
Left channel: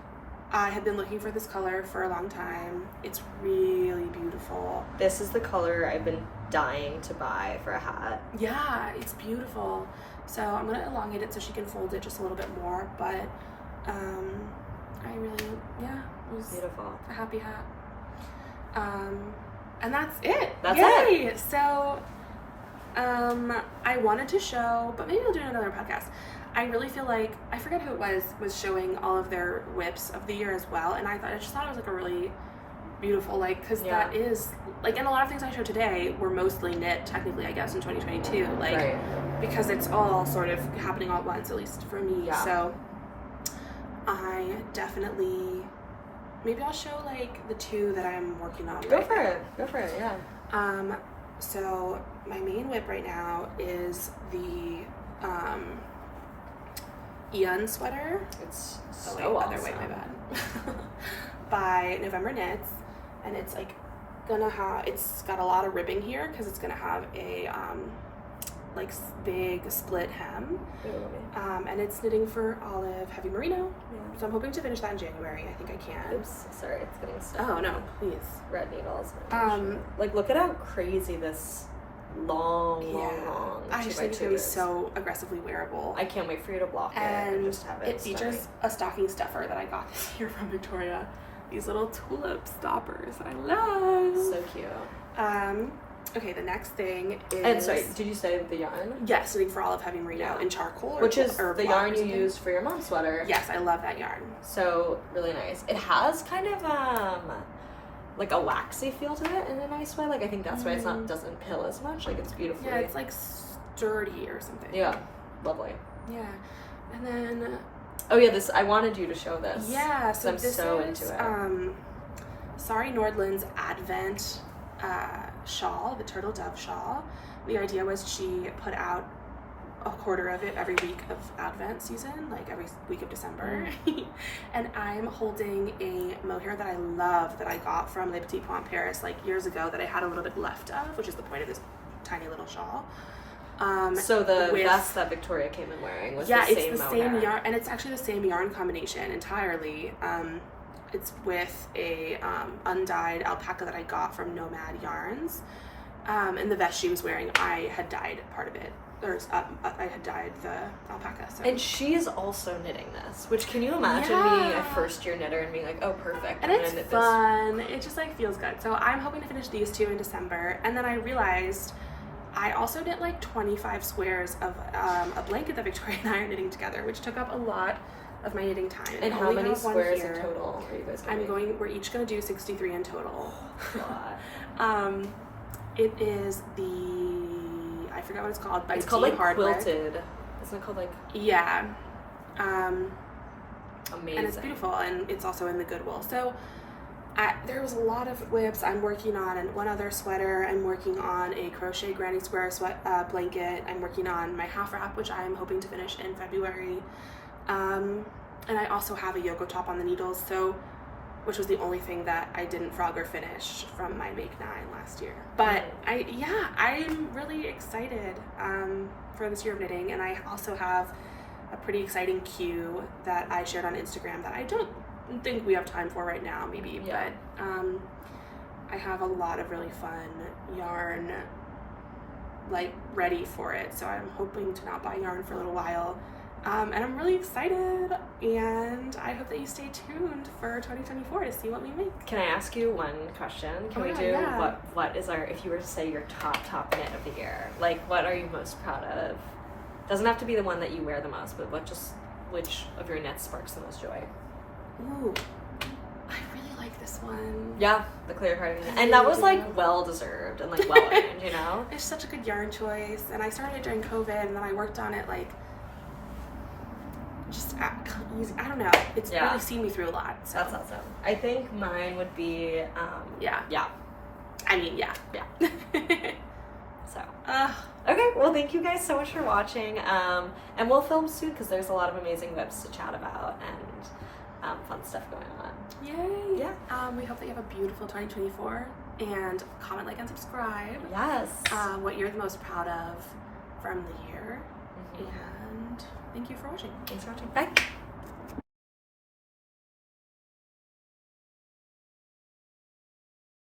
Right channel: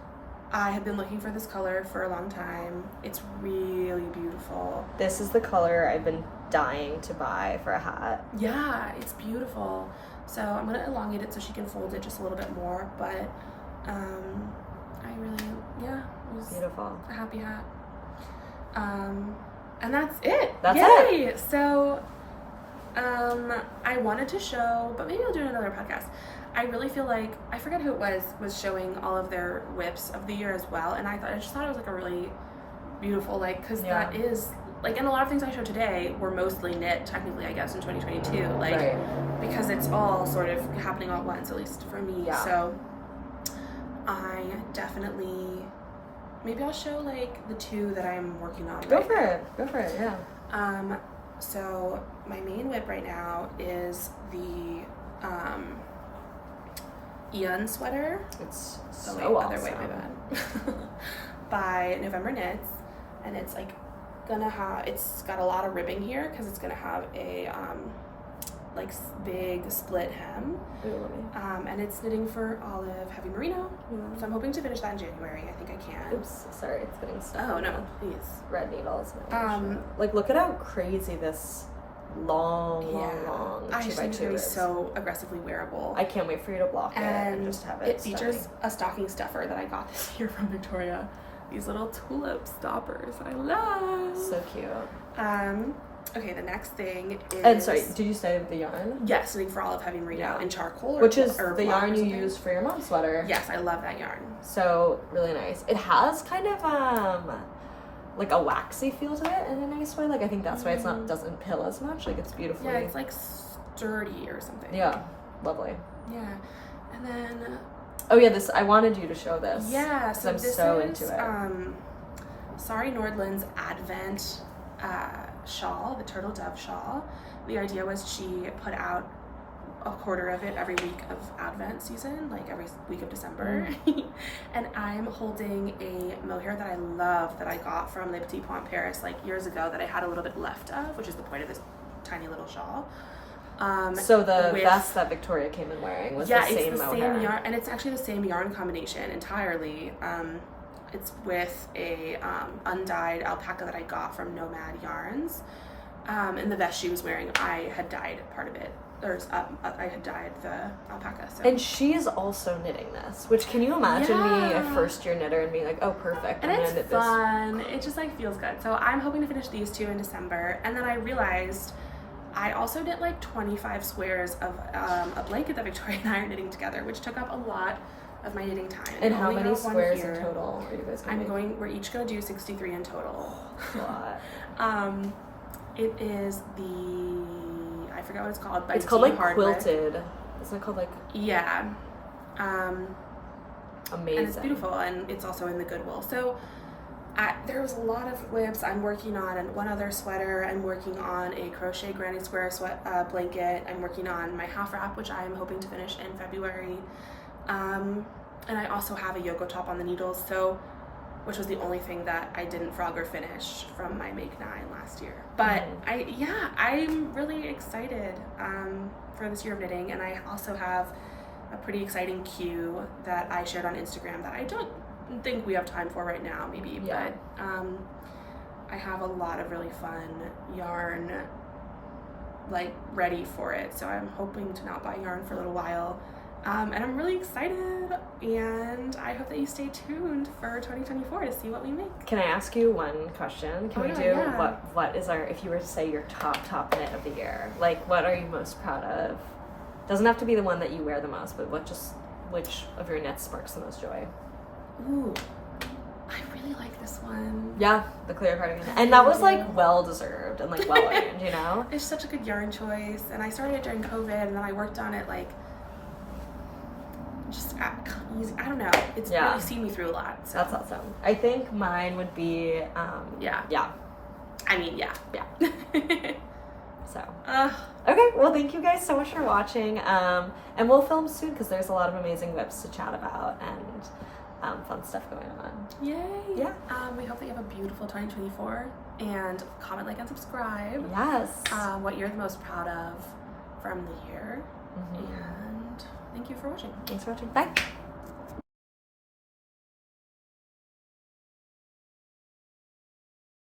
I had been looking for this color for a long time. It's really beautiful. This is the color I've been dying to buy for a hat. Yeah, it's beautiful. So I'm gonna elongate it so she can fold it just a little bit more, but I really, it was beautiful. A happy hat. And that's it. That's Yay! it. So I wanted to show, but maybe I'll do another podcast. I really feel like, I forget who it was showing all of their whips of the year as well, and I just thought it was like a really beautiful, like, because that is, like, and a lot of things I showed today were mostly knit, technically, I guess, in 2022, like, because it's all sort of happening all at once, at least for me, so I definitely, maybe I'll show, like, the 2 that I'm working on Go for it, yeah. So my main whip right now is the, Ian sweater. It's so awesome. Other way, my bad. By November Knits, and it's like it's got a lot of ribbing here because it's gonna have a like big split hem, and it's knitting for Olive Heavy Merino. So I'm hoping to finish that in January. I think I can. Oops, sorry, it's getting stuck. Oh no, please. Red needles. Like look at how crazy this long. I just think it's gonna be so aggressively wearable. I can't wait for you to block it and just have it. It features a stocking stuffer that I got this year from Victoria. These little tulip stoppers I love. So cute. Okay, the next thing is. And sorry, did you say the yarn? Yes, knitting for Olive Heavy Merino in charcoal, which is the yarn you used for your mom's sweater. Yes, I love that yarn. So really nice. It has kind of like a waxy feel to it in a nice way. Like I think that's why it's doesn't pill as much. Like it's beautiful. Yeah, it's like sturdy or something. Yeah, lovely. Yeah, and then. Oh yeah, I wanted you to show this. Yeah, so I'm so into it. Sari Nordlund's Advent shawl, the turtle dove shawl, The idea was she put out a quarter of it every week of Advent season, like every week of December. And I'm holding a mohair that I love that I got from Le Petit Point Paris like years ago that I had a little bit left of, which is the point of this tiny little shawl. So the vest that Victoria came in wearing was the same mohair. Yeah, it's the same yarn, and it's actually the same yarn combination entirely. It's with a undyed alpaca that I got from Nomad Yarns. And the vest she was wearing, I had dyed part of it. I had dyed the alpaca. So. And she is also knitting this, which can you imagine being a first-year knitter and being like, oh, perfect. And it's fun. It just like feels good. So I'm hoping to finish these 2 in December. And then I realized I also knit like 25 squares of a blanket that Victoria and I are knitting together, which took up a lot of my knitting time. And how many squares in total are you guys going to we're each going to do 63 in total. A lot. It is I forgot what it's called. It's called like quilted. Isn't it called like? Yeah. Amazing. And it's beautiful, and it's also in the Goodwill. So there was a lot of whips I'm working on, and one other sweater. I'm working on a crochet granny square blanket. I'm working on my half wrap, which I'm hoping to finish in February. And I also have a Yoko top on the needles, which was the only thing that I didn't frog or finish from my Make 9 last year. But I'm really excited for this year of knitting, and I also have a pretty exciting queue that I shared on Instagram that I don't think we have time for right now, maybe, but I have a lot of really fun yarn like ready for it, so I'm hoping to not buy yarn for a little while. And I'm really excited, and I hope that you stay tuned for 2024 to see what we make. Can I ask you one question? What is if you were to say your top knit of the year, like what are you most proud of? Doesn't have to be the one that you wear the most, but which of your knits sparks the most joy? Ooh, I really like this one. Yeah, the Cleo Cardigan. And that was like well deserved and like well earned, you know? It's such a good yarn choice, and I started it during COVID, and then I worked on it like just easy. I don't know. It's really seen me through a lot. So. That's awesome. I think mine would be yeah. I mean, yeah. So okay, well, thank you guys so much for watching, and we'll film soon because there's a lot of amazing whips to chat about and fun stuff going on. Yay! Yeah. We hope that you have a beautiful 2024, and comment, like, and subscribe. Yes. What you're the most proud of from the year, and thank you for watching. Thanks for watching. Bye.